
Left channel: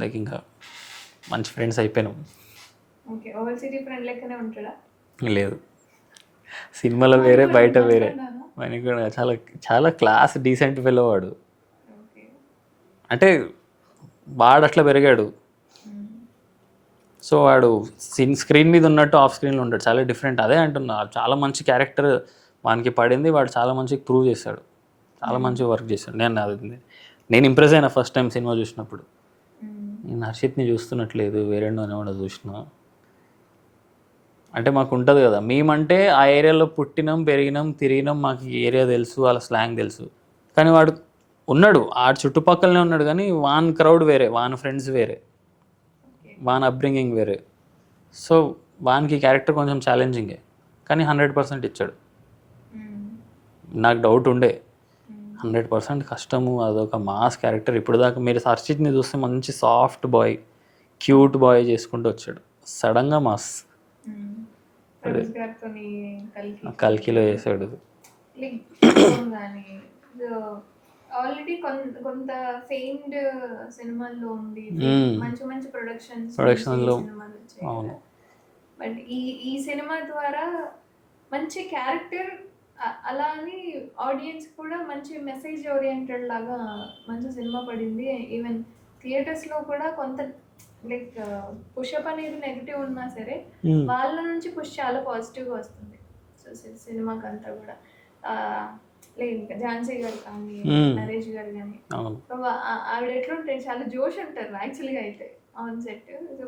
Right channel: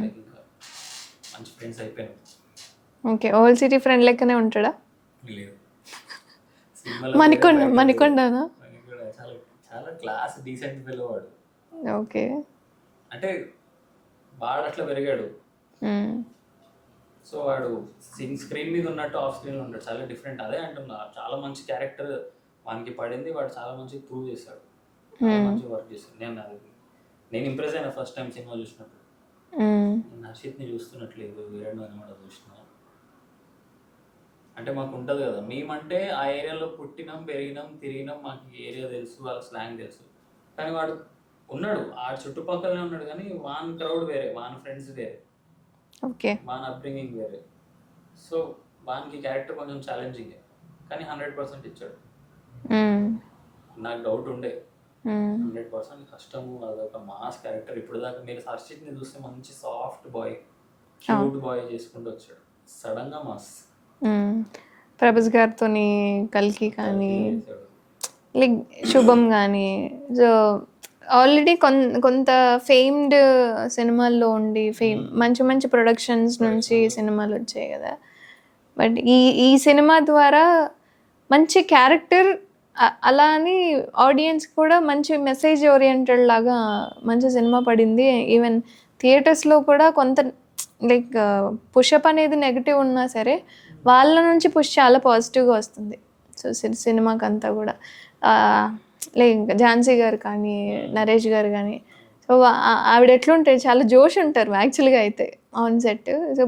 లైక్ ఇంకా మంచి ఫ్రెండ్స్ అయిపోయినాం. ఓకే. ఓల్డ్ సిటీ ఫ్రెండ్ లెక్కనే ఉంటాడా? లేదు, సినిమాలో వేరే, బయట మణికొండ చాలా చాలా క్లాస్ డీసెంట్ ఫెలో వాడు. ఓకే. అంటే వాడు అట్లా పెరిగాడు, సో వాడు స్క్రీన్ మీద ఉన్నట్టు ఆఫ్ స్క్రీన్లో ఉంటాడు, చాలా డిఫరెంట్. అదే అంటున్నా, చాలా మంచి క్యారెక్టర్ వానికి పడింది, వాడు చాలా మంచిగా ప్రూవ్ చేశాడు, చాలా మంచి వర్క్ చేశాడు. నేను ఇంప్రెస్ అయినా ఫస్ట్ టైం సినిమా చూసినప్పుడు. నేను హర్షిత్ని చూస్తున్నట్లేదు, వేరే కూడా చూసిన. అంటే మాకు ఉంటుంది కదా, మేమంటే ఆ ఏరియాలో పుట్టినాం, పెరిగినాం, తిరిగినాం, మాకు ఈ ఏరియా తెలుసు, వాళ్ళ స్లాంగ్ తెలుసు. కానీ వాడు ఉన్నాడు, ఆ చుట్టుపక్కలనే ఉన్నాడు, కానీ వాన్ క్రౌడ్ వేరే, వాన్ ఫ్రెండ్స్ వేరే, ఓకే, వాన్ అప్బ్రింగింగ్ వేరే. సో వానికి క్యారెక్టర్ కొంచెం ఛాలెంజింగే, కానీ 100% ఇచ్చాడు. నాకు డౌట్ ఉండే 100% కష్టము, అదొక మాస్ క్యారెక్టర్. ఇప్పుడు దాకా మీరు హర్షిత్ని చూస్తే మంచి సాఫ్ట్ బాయ్, క్యూట్ బాయ్ చేసుకుంటూ వచ్చాడు, సడన్గా మాస్. ప్రభాస్ గారితో కల్కిలో వేసాడు, లైక్ శుభం కానీ. సో ఆల్రెడీ కొంత ఫేమ్డ్ సినిమాల్లో ఉండి మంచి మంచి ప్రొడక్షన్స్ నుంచి సినిమాలు వచ్చాయి కదా, బట్ ఈ సినిమా ద్వారా మంచి క్యారెక్టర్, అలా అని ఆడియన్స్ కూడా మంచి మెసేజ్ ఓరియంటెడ్ లాగా మంచి సినిమా పడింది. ఈవెన్ థియేటర్స్లో కూడా కొంత లైక్ పుషప్ అనేది నెగిటివ్ ఉన్నా సరే వాళ్ళ నుంచి పుష్ చాలా పాజిటివ్గా వస్తుంది. సో సినిమాకి అంతా కూడా లైక్ ఝాన్సీ గారు కానీ, నరేష్ గారు కానీ, సో ఆవిడ ఎట్లుంటారు, చాలా జోష్ ఉంటారు యాక్చువల్గా అయితే ఆన్ సెట్. సో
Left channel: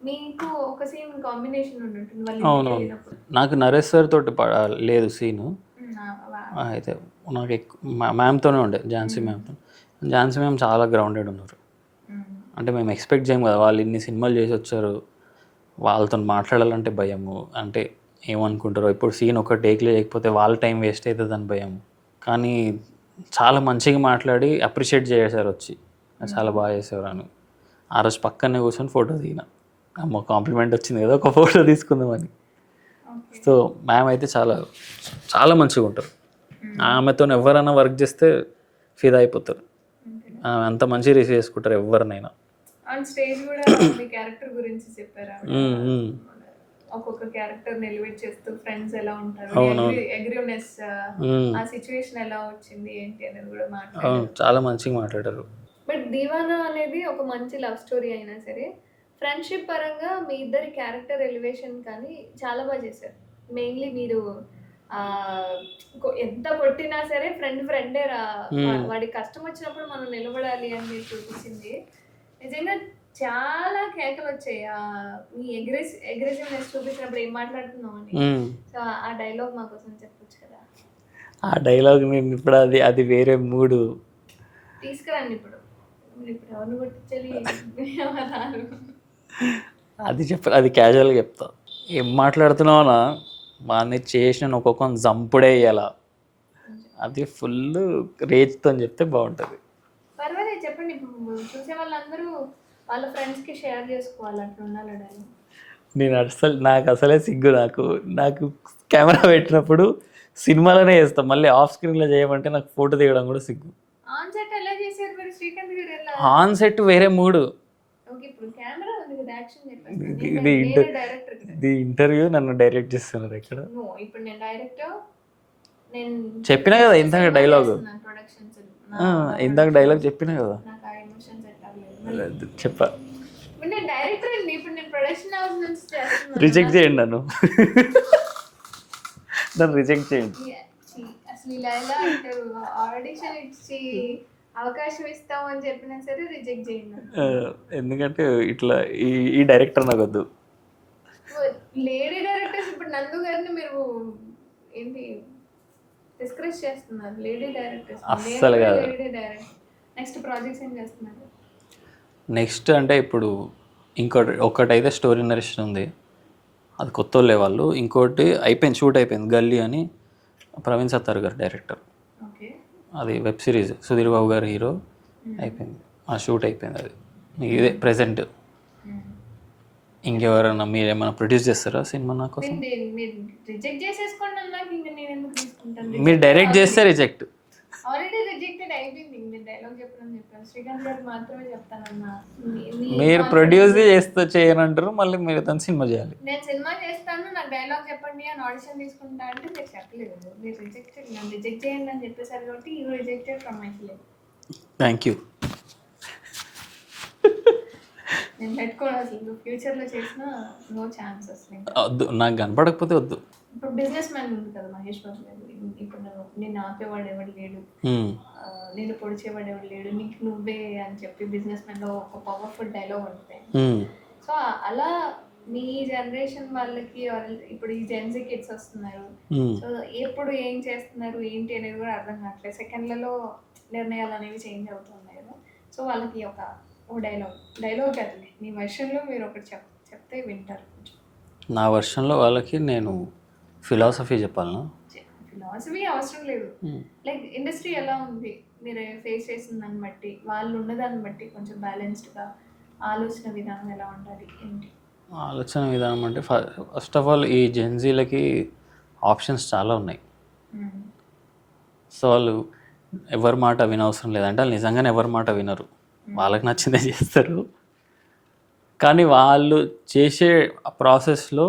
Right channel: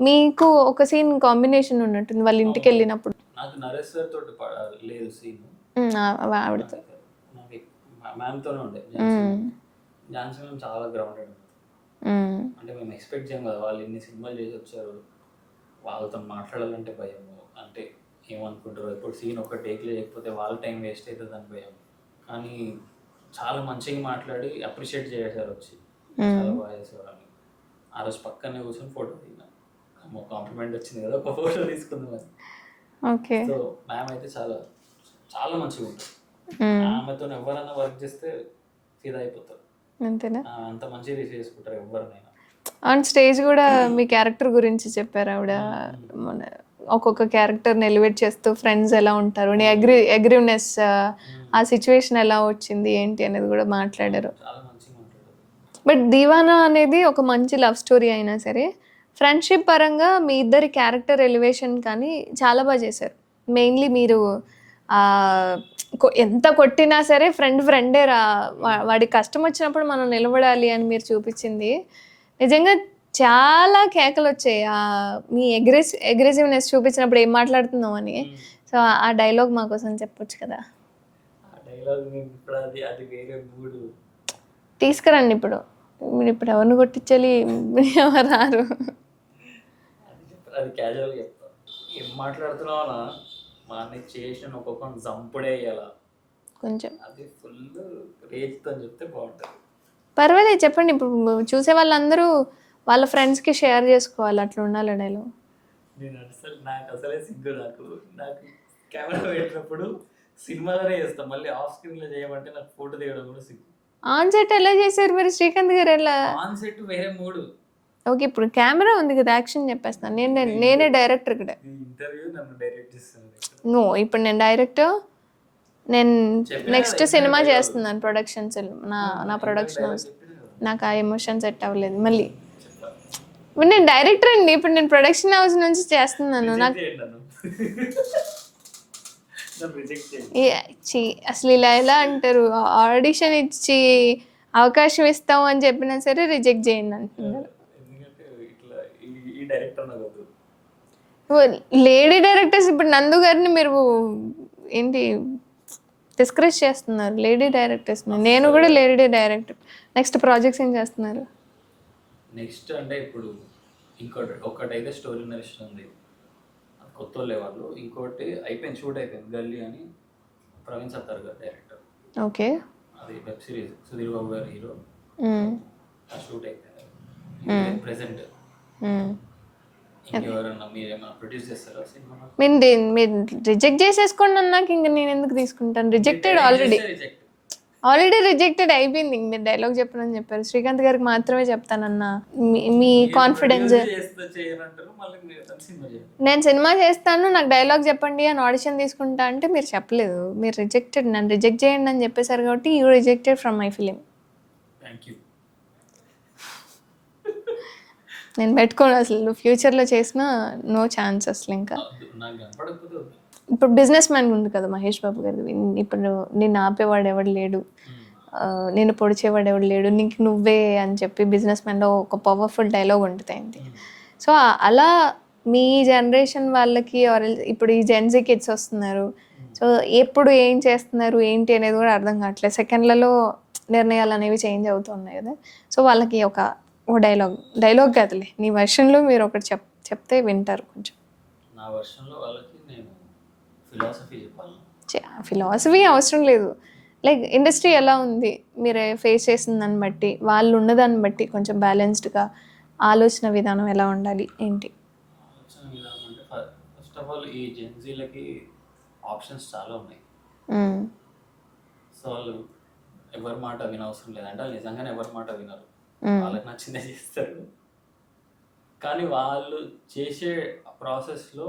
మీకు ఒక సీన్ కాంబినేషన్ ఉన్నట్టుంది వాళ్ళ ఇంటికి వెళ్ళినప్పుడు. నాకు నరేష్ సార్ తోటి లేదు సీను, అయితే నాకు మ్యామ్తోనే ఉండే, ఝాన్సీ మ్యామ్తో. ఝాన్సీ మ్యామ్ చాలా గ్రౌండెడ్ ఉన్నారు, అంటే మేము ఎక్స్పెక్ట్ చేయం కదా, వాళ్ళు ఇన్ని సినిమాలు చేసి వచ్చారు, వాళ్ళతో మాట్లాడాలంటే భయము, అంటే ఏమనుకుంటారో, ఇప్పుడు సీన్ ఒక టేక్లో లేకపోతే వాళ్ళ టైం వేస్ట్ అవుతుంది అని భయం. కానీ చాలా మంచిగా మాట్లాడి అప్రిషియేట్ చేశారు వచ్చి, చాలా బాగా చేసేవారు అని. ఆ రోజు పక్కనే కూర్చొని ఫోటో దిగిన, అమ్మ కాంప్లిమెంట్ వచ్చింది కదా, ఒక ఫోటో తీసుకుందామని. ఓకే. సో మ్యామ్ అయితే చాలా చాలా మంచిగా ఉంటారు. ఆమెతో ఎవరైనా వర్క్ చేస్తే ఫిదా అయిపోతారు. అంతేనా? ఆమె అంత మంచిగా రిసీవ్ చేసుకుంటారు ఎవరినైనా. ఆన్ స్టేజ్ కూడా మీ క్యారెక్టర్ గురించి చెప్పారు ఆవిడ. మన ఒక్కొక్క క్యారెక్టర్ని ఎలివేట్ చేస్తూ ఫ్రెండ్స్ ఎలా ఉంటారు, నీ అగ్రివ్నెస్, ఆ సిచ్యువేషన్ ఎలా వచ్చింది ఏంటి అనేది కూడా మాట్లాడారు. చాలా మంచిగా మాట్లాడారు. బట్ దీవానా అనేది ఒక మంచి లవ్ స్టోరీ అయినా సరే ఫ్రెండ్షిప్ పరంగా మీ ఇద్దరి క్యారెక్టర్ ఎలివేషన్ కానీ చాలా బాగా చేశారు. మెయిన్లీ మీరు ఎంత కొట్టినా సరే ఫ్రెండే రా, వాడి కష్టం వచ్చినప్పుడు మనం నిలబడాలి అని మీరు చూపించింది నిజంగా చాలా కేకలు వచ్చాయి. మీ అగ్రెసివ్నెస్ చూపించినప్పుడు ఏం మాట్లాడుతున్నాం అని. సో ఆ డైలాగ్ మా కోసం చెప్పొచ్చు కదా? ఆ డైలాగ్ నేను ఇప్పుడు అది వేరే మూడు తీసుకురండి. ఇప్పుడు మీరు ఇప్పుడు ఎవరిని కొట్టించాలి, ఎవరు రారు. అది క్యాజువల్గా చెప్తా. ఏం మాట్లాడుతున్నావునా వాడిని చేసిన ఒక్కొక్క జంపుడే ఇయ్యాల కొంచెం అది ఫుల్ రేజ్తో చెప్తే బాగుంటుంది. పర్వాలేదు చెప్పండి. ఇప్పుడు చూసే వాళ్ళందరూ వాళ్ళ ఫ్రెండ్స్కి షేర్ చేసుకోవాలి, అట్లా ఉండాలి డైలాగ్. నాకు అసలే సిగ్గు. నాకు కెమెరా పెట్టినప్పుడు సినిమాలోనే చేస్తాం, మళ్ళీ ఆఫ్ స్క్రీన్లో చేయమంటే నాకు ఫోటో దిగడం కూడా సిగ్గు. ఆన్ సెట్ ఎలా చేశారు మరి శ్రీకాంత్ గారు? ఎలా ఆన్ సెట్ వేరే మూడు. ఓకే, ఇప్పుడు కెమెరా ఉంది కదా, యాక్షన్ చెప్పేస్తాను. నేనే డైరెక్టర్ ఇక్కడ. ఇంటర్వ్యూ నన్ను డైరెక్ట్ చేస్తున్నారు ఇక్కడ. నో, ఇప్పుడు నేను డైరెక్టర్. నేను చెప్పినా నెక్స్ట్ సినిమా చేస్తున్నాను, ప్రొడక్షన్స్. డైలాగ్ చెప్పినా కదా, నాకు ఆ ఎమోషన్ సెట్ అవ్వలేదు. మళ్ళీ చెప్పా, ఇప్పుడు నేను డైరెక్టర్ అండి. ఇప్పుడు నేను ప్రొడక్షన్ హౌస్ నుంచి చేస్తున్నాను. రిజెక్ట్ చేయండి నన్ను రిజెక్ట్ చేయండి. అసలు ఇలా ఎలా అంటారు? ఆడిషన్ ఇచ్చి అవకాశం ఇస్తాం అని చెప్పినా సరే రిజెక్ట్ చేయండి అంటున్నారు. ఎందుకంటే ఇట్లా ఈ డైరెక్టర్ నాకు వద్దు. లేడీ డైరెక్టర్స్ ఇప్పుడు నందు గారిని మీరు ఏంటి డిస్కరేజ్ చేస్తున్నారు? Lady directors. నేను కూడా లేడీ డైరెక్టర్. నెక్స్ట్ ప్రాజెక్ట్స్ ఏం చేస్తున్నారు? నెక్స్ట్ అంటే ఇప్పుడు ఒకటైతే స్టోరీ నరేషన్ ఉంది, అది కొత్త వాళ్ళు. ఇంకోటి అయిపోయింది, షూట్ అయిపోయింది, గల్లీ అని ప్రవీణ్ సత్తార్ గారు డైరెక్టర్. ఓకే, అది వెబ్ సిరీస్, సుధీర్ బాబు గారు హీరో. అయిపోయింది, ఆ షూట్ అయిపోయింది. అది ఇదే ప్రెసెంట్. ఇంకెవరన్నా మీరేమన్నా ప్రొడ్యూస్ చేస్తారా సినిమా? నాకు మీరు రిజెక్ట్ చేసేసుకోండి అన్నాక ఇంక నేను ఎందుకు తీసుకుంటాను? డైరెక్ట్ చేస్తే రిజెక్ట్, ఆల్రెడీ రిజెక్టెడ్ అయిపోయింది. మీరు డైలాగ్ చెప్పనని చెప్పారు. శ్రీకాంత్ గారికి మాత్రమే చెప్తానన్నా. మీ ప్రొడ్యూస్ చేయనంటారు, మళ్ళీ మీరు తను సినిమా చేయాలి. నేను సినిమా చేస్తాను, నాకు డైలాగ్ చెప్పండి అని ఆడిషన్ తీసుకుంటా అంటే మీరు చెప్పలేదు. మీరు రిజెక్టెడ్, నన్ను రిజెక్ట్ చేయండి అని చెప్పేశారు కాబట్టి you rejected from my film. Thank you. నేను పెట్టుకోను అసలు. ఫ్యూచర్లో చేసినా నో ఛాన్స్ అసలు. ఇంకా వద్దు, నాకు కనపడకపోతే వద్దు. ఇప్పుడు బిజినెస్ మ్యాన్ ఉంది కదా మహేష్ బాబు గారు. ఇప్పుడు నేను ఆపేవాడు ఎవడు లేడు, నేను పొడిచేవాడు ఎవడు లేడు, నీకు నువ్వే అని చెప్పి బిజినెస్ మ్యాన్లో ఒక పవర్ఫుల్ డైలాగ్ ఉంటుంది. సో అలా మీ జనరేషన్ వాళ్ళకి ఇప్పుడు ఈ జెన్జీ కిడ్స్ వస్తున్నారు. సో ఎప్పుడు ఏం చేస్తున్నారు ఏంటి అనేది కూడా అర్థం కావట్లేదు. సెకండ్లలో నిర్ణయాలు అనేవి చేంజ్ అవుతున్నాయి కదా. సో వాళ్ళకి ఓ డైలాగ్ కాదులే, నీ వర్షన్లో మీరు ఒకటి చెప్తే వింటారు. కొంచెం నా వర్షన్లో వాళ్ళకి నేను ఫిలాసఫీ చెప్పాలనా? ఫిలాసఫీ అవసరం లేదు. లైక్ ఇండస్ట్రీ ఎలా ఉంది మీరు ఫేస్ చేసిన దాన్ని బట్టి, వాళ్ళు ఉన్నదాన్ని బట్టి కొంచెం బ్యాలెన్స్డ్గా ఆలోచన విధానం ఎలా ఉండాలి ఏంటి? ఆలోచన విధానం అంటే ఫస్ట్ ఆఫ్ ఆల్ ఈ జెన్జీలకి ఆప్షన్స్ చాలా ఉన్నాయి. సో వాళ్ళు ఎవరి మాట వినవసరం లేదంటే వాళ్ళు నిజంగానే ఎవరి మాట వినరు, వాళ్ళకి నచ్చిందే చేస్తారు. కానీ వాళ్ళు చేసే ప్రాసెస్లో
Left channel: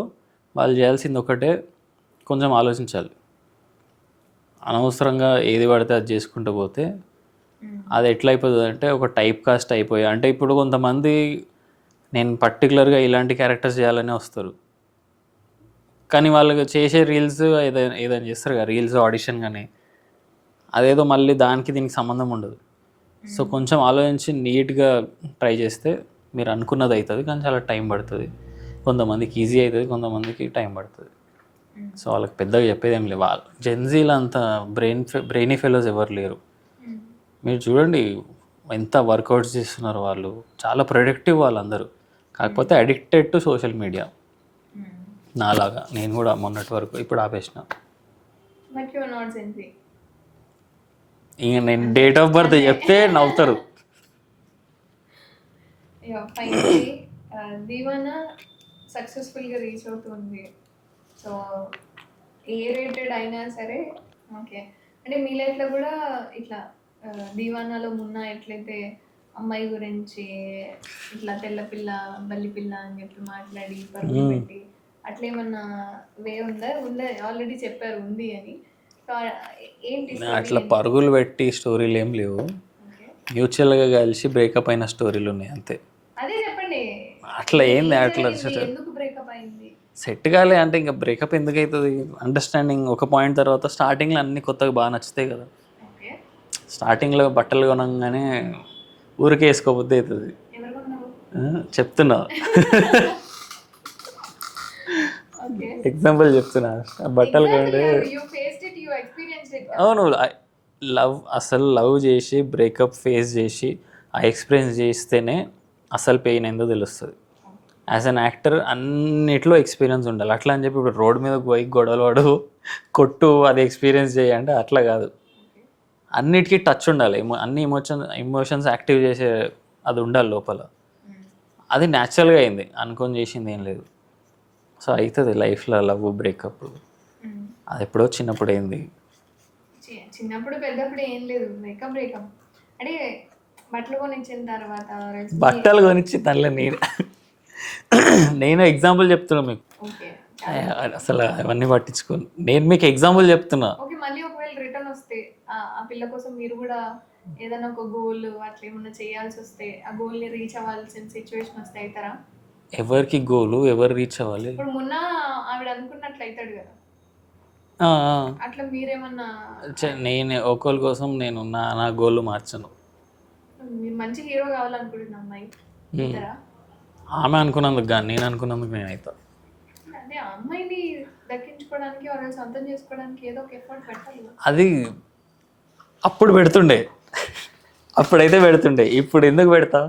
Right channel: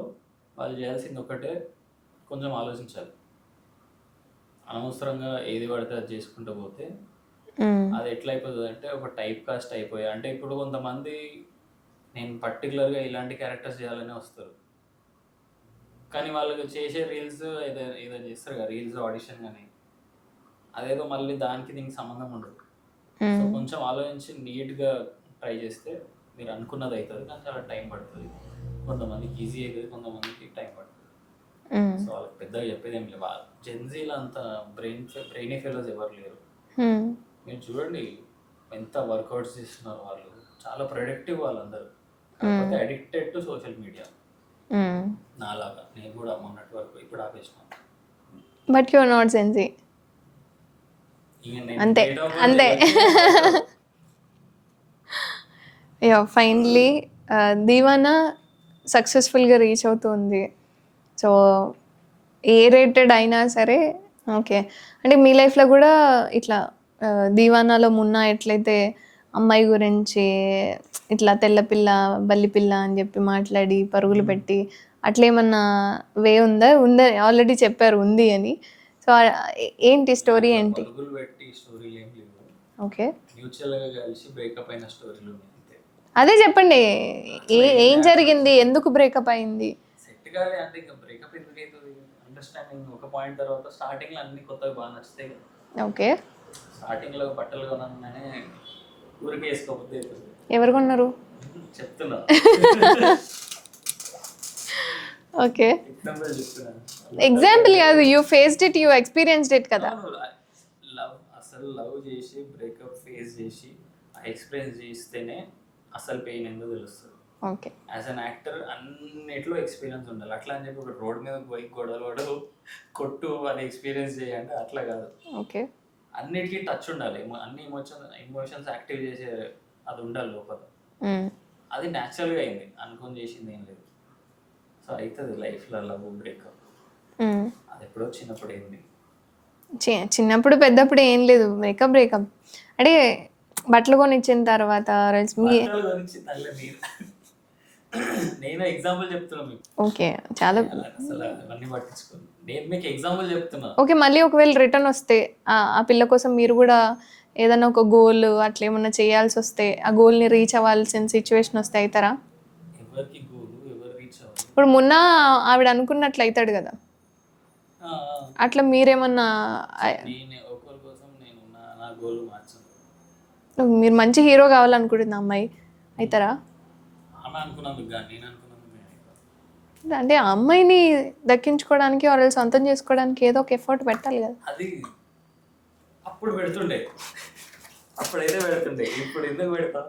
వాళ్ళు చేయాల్సింది ఒకటే, కొంచెం ఆలోచించాలి. అనవసరంగా ఏది పడితే అది చేసుకుంటూ పోతే అది ఎట్లా అయిపోతుంది అంటే ఒక టైప్ కాస్ట్ అయిపోయి. అంటే ఇప్పుడు కొంతమంది నేను పర్టికులర్గా ఇలాంటి క్యారెక్టర్స్ చేయాలని వస్తారు, కానీ వాళ్ళు చేసే రీల్స్ ఏదైనా చేస్తారు కదా, రీల్స్ ఆడిషన్ కానీ అదేదో మళ్ళీ దానికి దీనికి సంబంధం ఉండదు. సో కొంచెం ఆలోచించి నీట్గా ట్రై చేస్తే మీరు అనుకున్నది అవుతుంది, కానీ చాలా టైం పడుతుంది. కొంతమందికి ఈజీ అవుతుంది, కొంతమందికి టైం పడుతుంది. సో వాళ్ళకి పెద్దగా చెప్పేది ఏం లేదు. వాళ్ళు జెన్జీలో అంత బ్రెయినీ ఫెలోస్ ఎవరు లేరు. మీరు చూడండి ఎంత వర్కౌట్స్ చేస్తున్నారు వాళ్ళు, చాలా ప్రొడక్టివ్ వాళ్ళందరూ. కాకపోతే అడిక్టెడ్ టు సోషల్ మీడియా. నాలాగా నేను కూడా మొన్నటి వరకు, ఇప్పుడు ఆపేసిన. But you are not Gen Z. ఇంక నేను డేట్ ఆఫ్ బర్త్ చెప్తే నవ్వుతారు. ఫైనలీ దీవానా సక్సెస్ఫుల్గా రీచ్ అవుతుంది. సో ఏ రేటెడ్ అయినా సరే ఓకే. అంటే మీ లైఫ్‌లో గూడా ఇట్లా దీవానాలో మున్నా ఎట్లయితే అమ్మాయి గురించి ఇట్లా తెల్ల పిల్ల, బల్లి పిల్ల అని జెప్పి మాట్లాడి పరుగులు పెట్టి అట్లేమన్నా ఉందా? ఆల్రెడీ చెప్పారు ఉంది అని. సో, ఏంటి స్టోరీ అట్లా ఏంటి? పరుగులు పెట్టి స్టోరీలు ఏం లేవు. ఓకే. మ్యూచువల్గా కలిసి బ్రేకప్ అయిన స్టోరీలు ఉన్నాయి అంతే. అదే చెప్పండి. అట్లా ఏం ఏం లేదు, జరిగింది? ఎందుకు బ్రేకప్ అయింది? సెట్ కాలే అంటే ఇంకా బ్రేకప్ ఎందుకు అవుతుంది? అండర్స్టాండింగ్ ఒక పాయింట్ తర్వాత స్టార్టింగ్లో అన్ని కొత్తగా బాగా నచ్చుతాయి కదా. ఓకే. స్టార్టింగ్లో బట్టలు కొనగానే ఊరికే వేసుకోబుద్ది అవుతుంది. ఎవరు కొన్నారు? చెప్తున్నా, ఓకే. ఎగ్జాంపుల్ చెప్తున్నా. ఎగ్జాంపుల్ కాదు. You faced it, you experienced it కదా! అవును, అసలు లవ్ చేసి బ్రేకప్ ఫేస్ చేసి ఆ ఎక్స్పీరియన్స్ చేస్తేనే అసలు పెయిన్ ఏందో తెలుస్తుంది. ఓకే. యాజ్ అన్ యాక్టర్ అన్నిట్లో ఎక్స్పీరియన్స్ ఉండాలి. అట్లా అని చెప్పి ఇప్పుడు రోడ్ మీద పోయి గొడవలు పడు కొట్టు అది ఎక్స్పీరియన్స్ చేయంటే అట్లా కాదు. ఓకే. అన్నిటికీ టచ్ ఉండాలి. అన్ని ఎమోషన్స్ యాక్టివ్ చేసే అది ఉండాలి లోపల. అది న్యాచురల్గా అయింది, అనుకొని చేసింది ఏం లేదు. సో అవుతుంది లైఫ్లో లవ్ బ్రేకప్. అది ఎప్పుడో చిన్నప్పుడు అయింది. చిన్నప్పుడు పెద్దప్పుడు ఏం లేదు. బ్రేకప్ అంటే బట్టలు కొనిచ్చిన తర్వాత బట్టలు కొనిచ్చి తనలే నేను ఎగ్జాంపుల్ చెప్తున్నా మీకు. ఓకే. చాలా అసలు అవన్నీ పట్టించుకోను, నేను మీకు ఎగ్జాంపుల్ చెప్తున్నా. ఓకే. మళ్ళీ ఒకవేళ రిటర్న్ వస్తే ఆ పిల్ల కోసం మీరు కూడా ఏదైనా ఒక గోల్ అట్లా ఏమన్నా చేయాల్సి వస్తే ఆ గోల్ని రీచ్ అవ్వాల్సిన సిచ్యువేషన్ వస్తే అవుతారా? ఎవరికి గోలు ఎవరు రీచ్ అవ్వాలి? ఇప్పుడు మొన్న ఆవిడ అనుకున్నట్లు అవుతాడు కదా, అట్లా మీరేమన్నా నేను ఒకరి కోసం నేను నా గోల్ మార్చను. మీరు మంచి హీరో కావాలనుకుంటుంది అమ్మాయి అవుతారా? ఆమె అనుకున్నందుకు కానీ నేను అనుకున్నందుకు నేను అవుతా. అంటే ఆ అమ్మాయిని దక్కించుకోవడానికి వాళ్ళు సొంతం చేసుకోవడానికి ఏదో ఒక ఎఫర్ట్ పెట్టాలి కదా. అది అప్పుడు పెడుతుండే, అప్పుడైతే పెడుతుండే. ఇప్పుడు ఎందుకు పెడతా?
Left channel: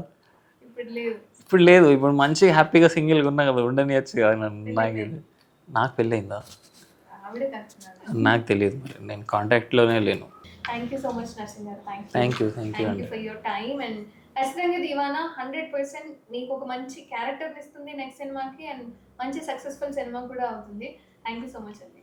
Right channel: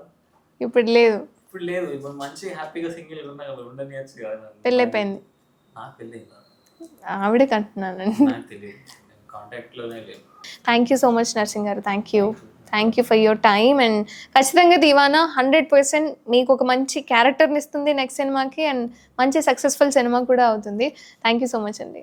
ఇప్పుడు లేదు. ఇప్పుడు లేదు. ఇప్పుడు మంచి హ్యాపీగా సింగిల్గా ఉన్నా కదా, ఉండనియచ్చు కదా. పెళ్ళైపోయింది. నాకు పెళ్ళయిందా? ఆవిడే కంటున్నాను. నాకు తెలియదు, నేను కాంటాక్ట్లోనే లేను. Thank you so much Narsing గారు. Thank thank you for your time. And ఖచ్చితంగా దీవానా 100% మీకు ఒక మంచి క్యారెక్టర్ని ఇస్తుంది నెక్స్ట్ సినిమాకి, అండ్ మంచి సక్సెస్ఫుల్ సినిమా కూడా అవుతుంది. థ్యాంక్ యూ సో మచ్ అండి.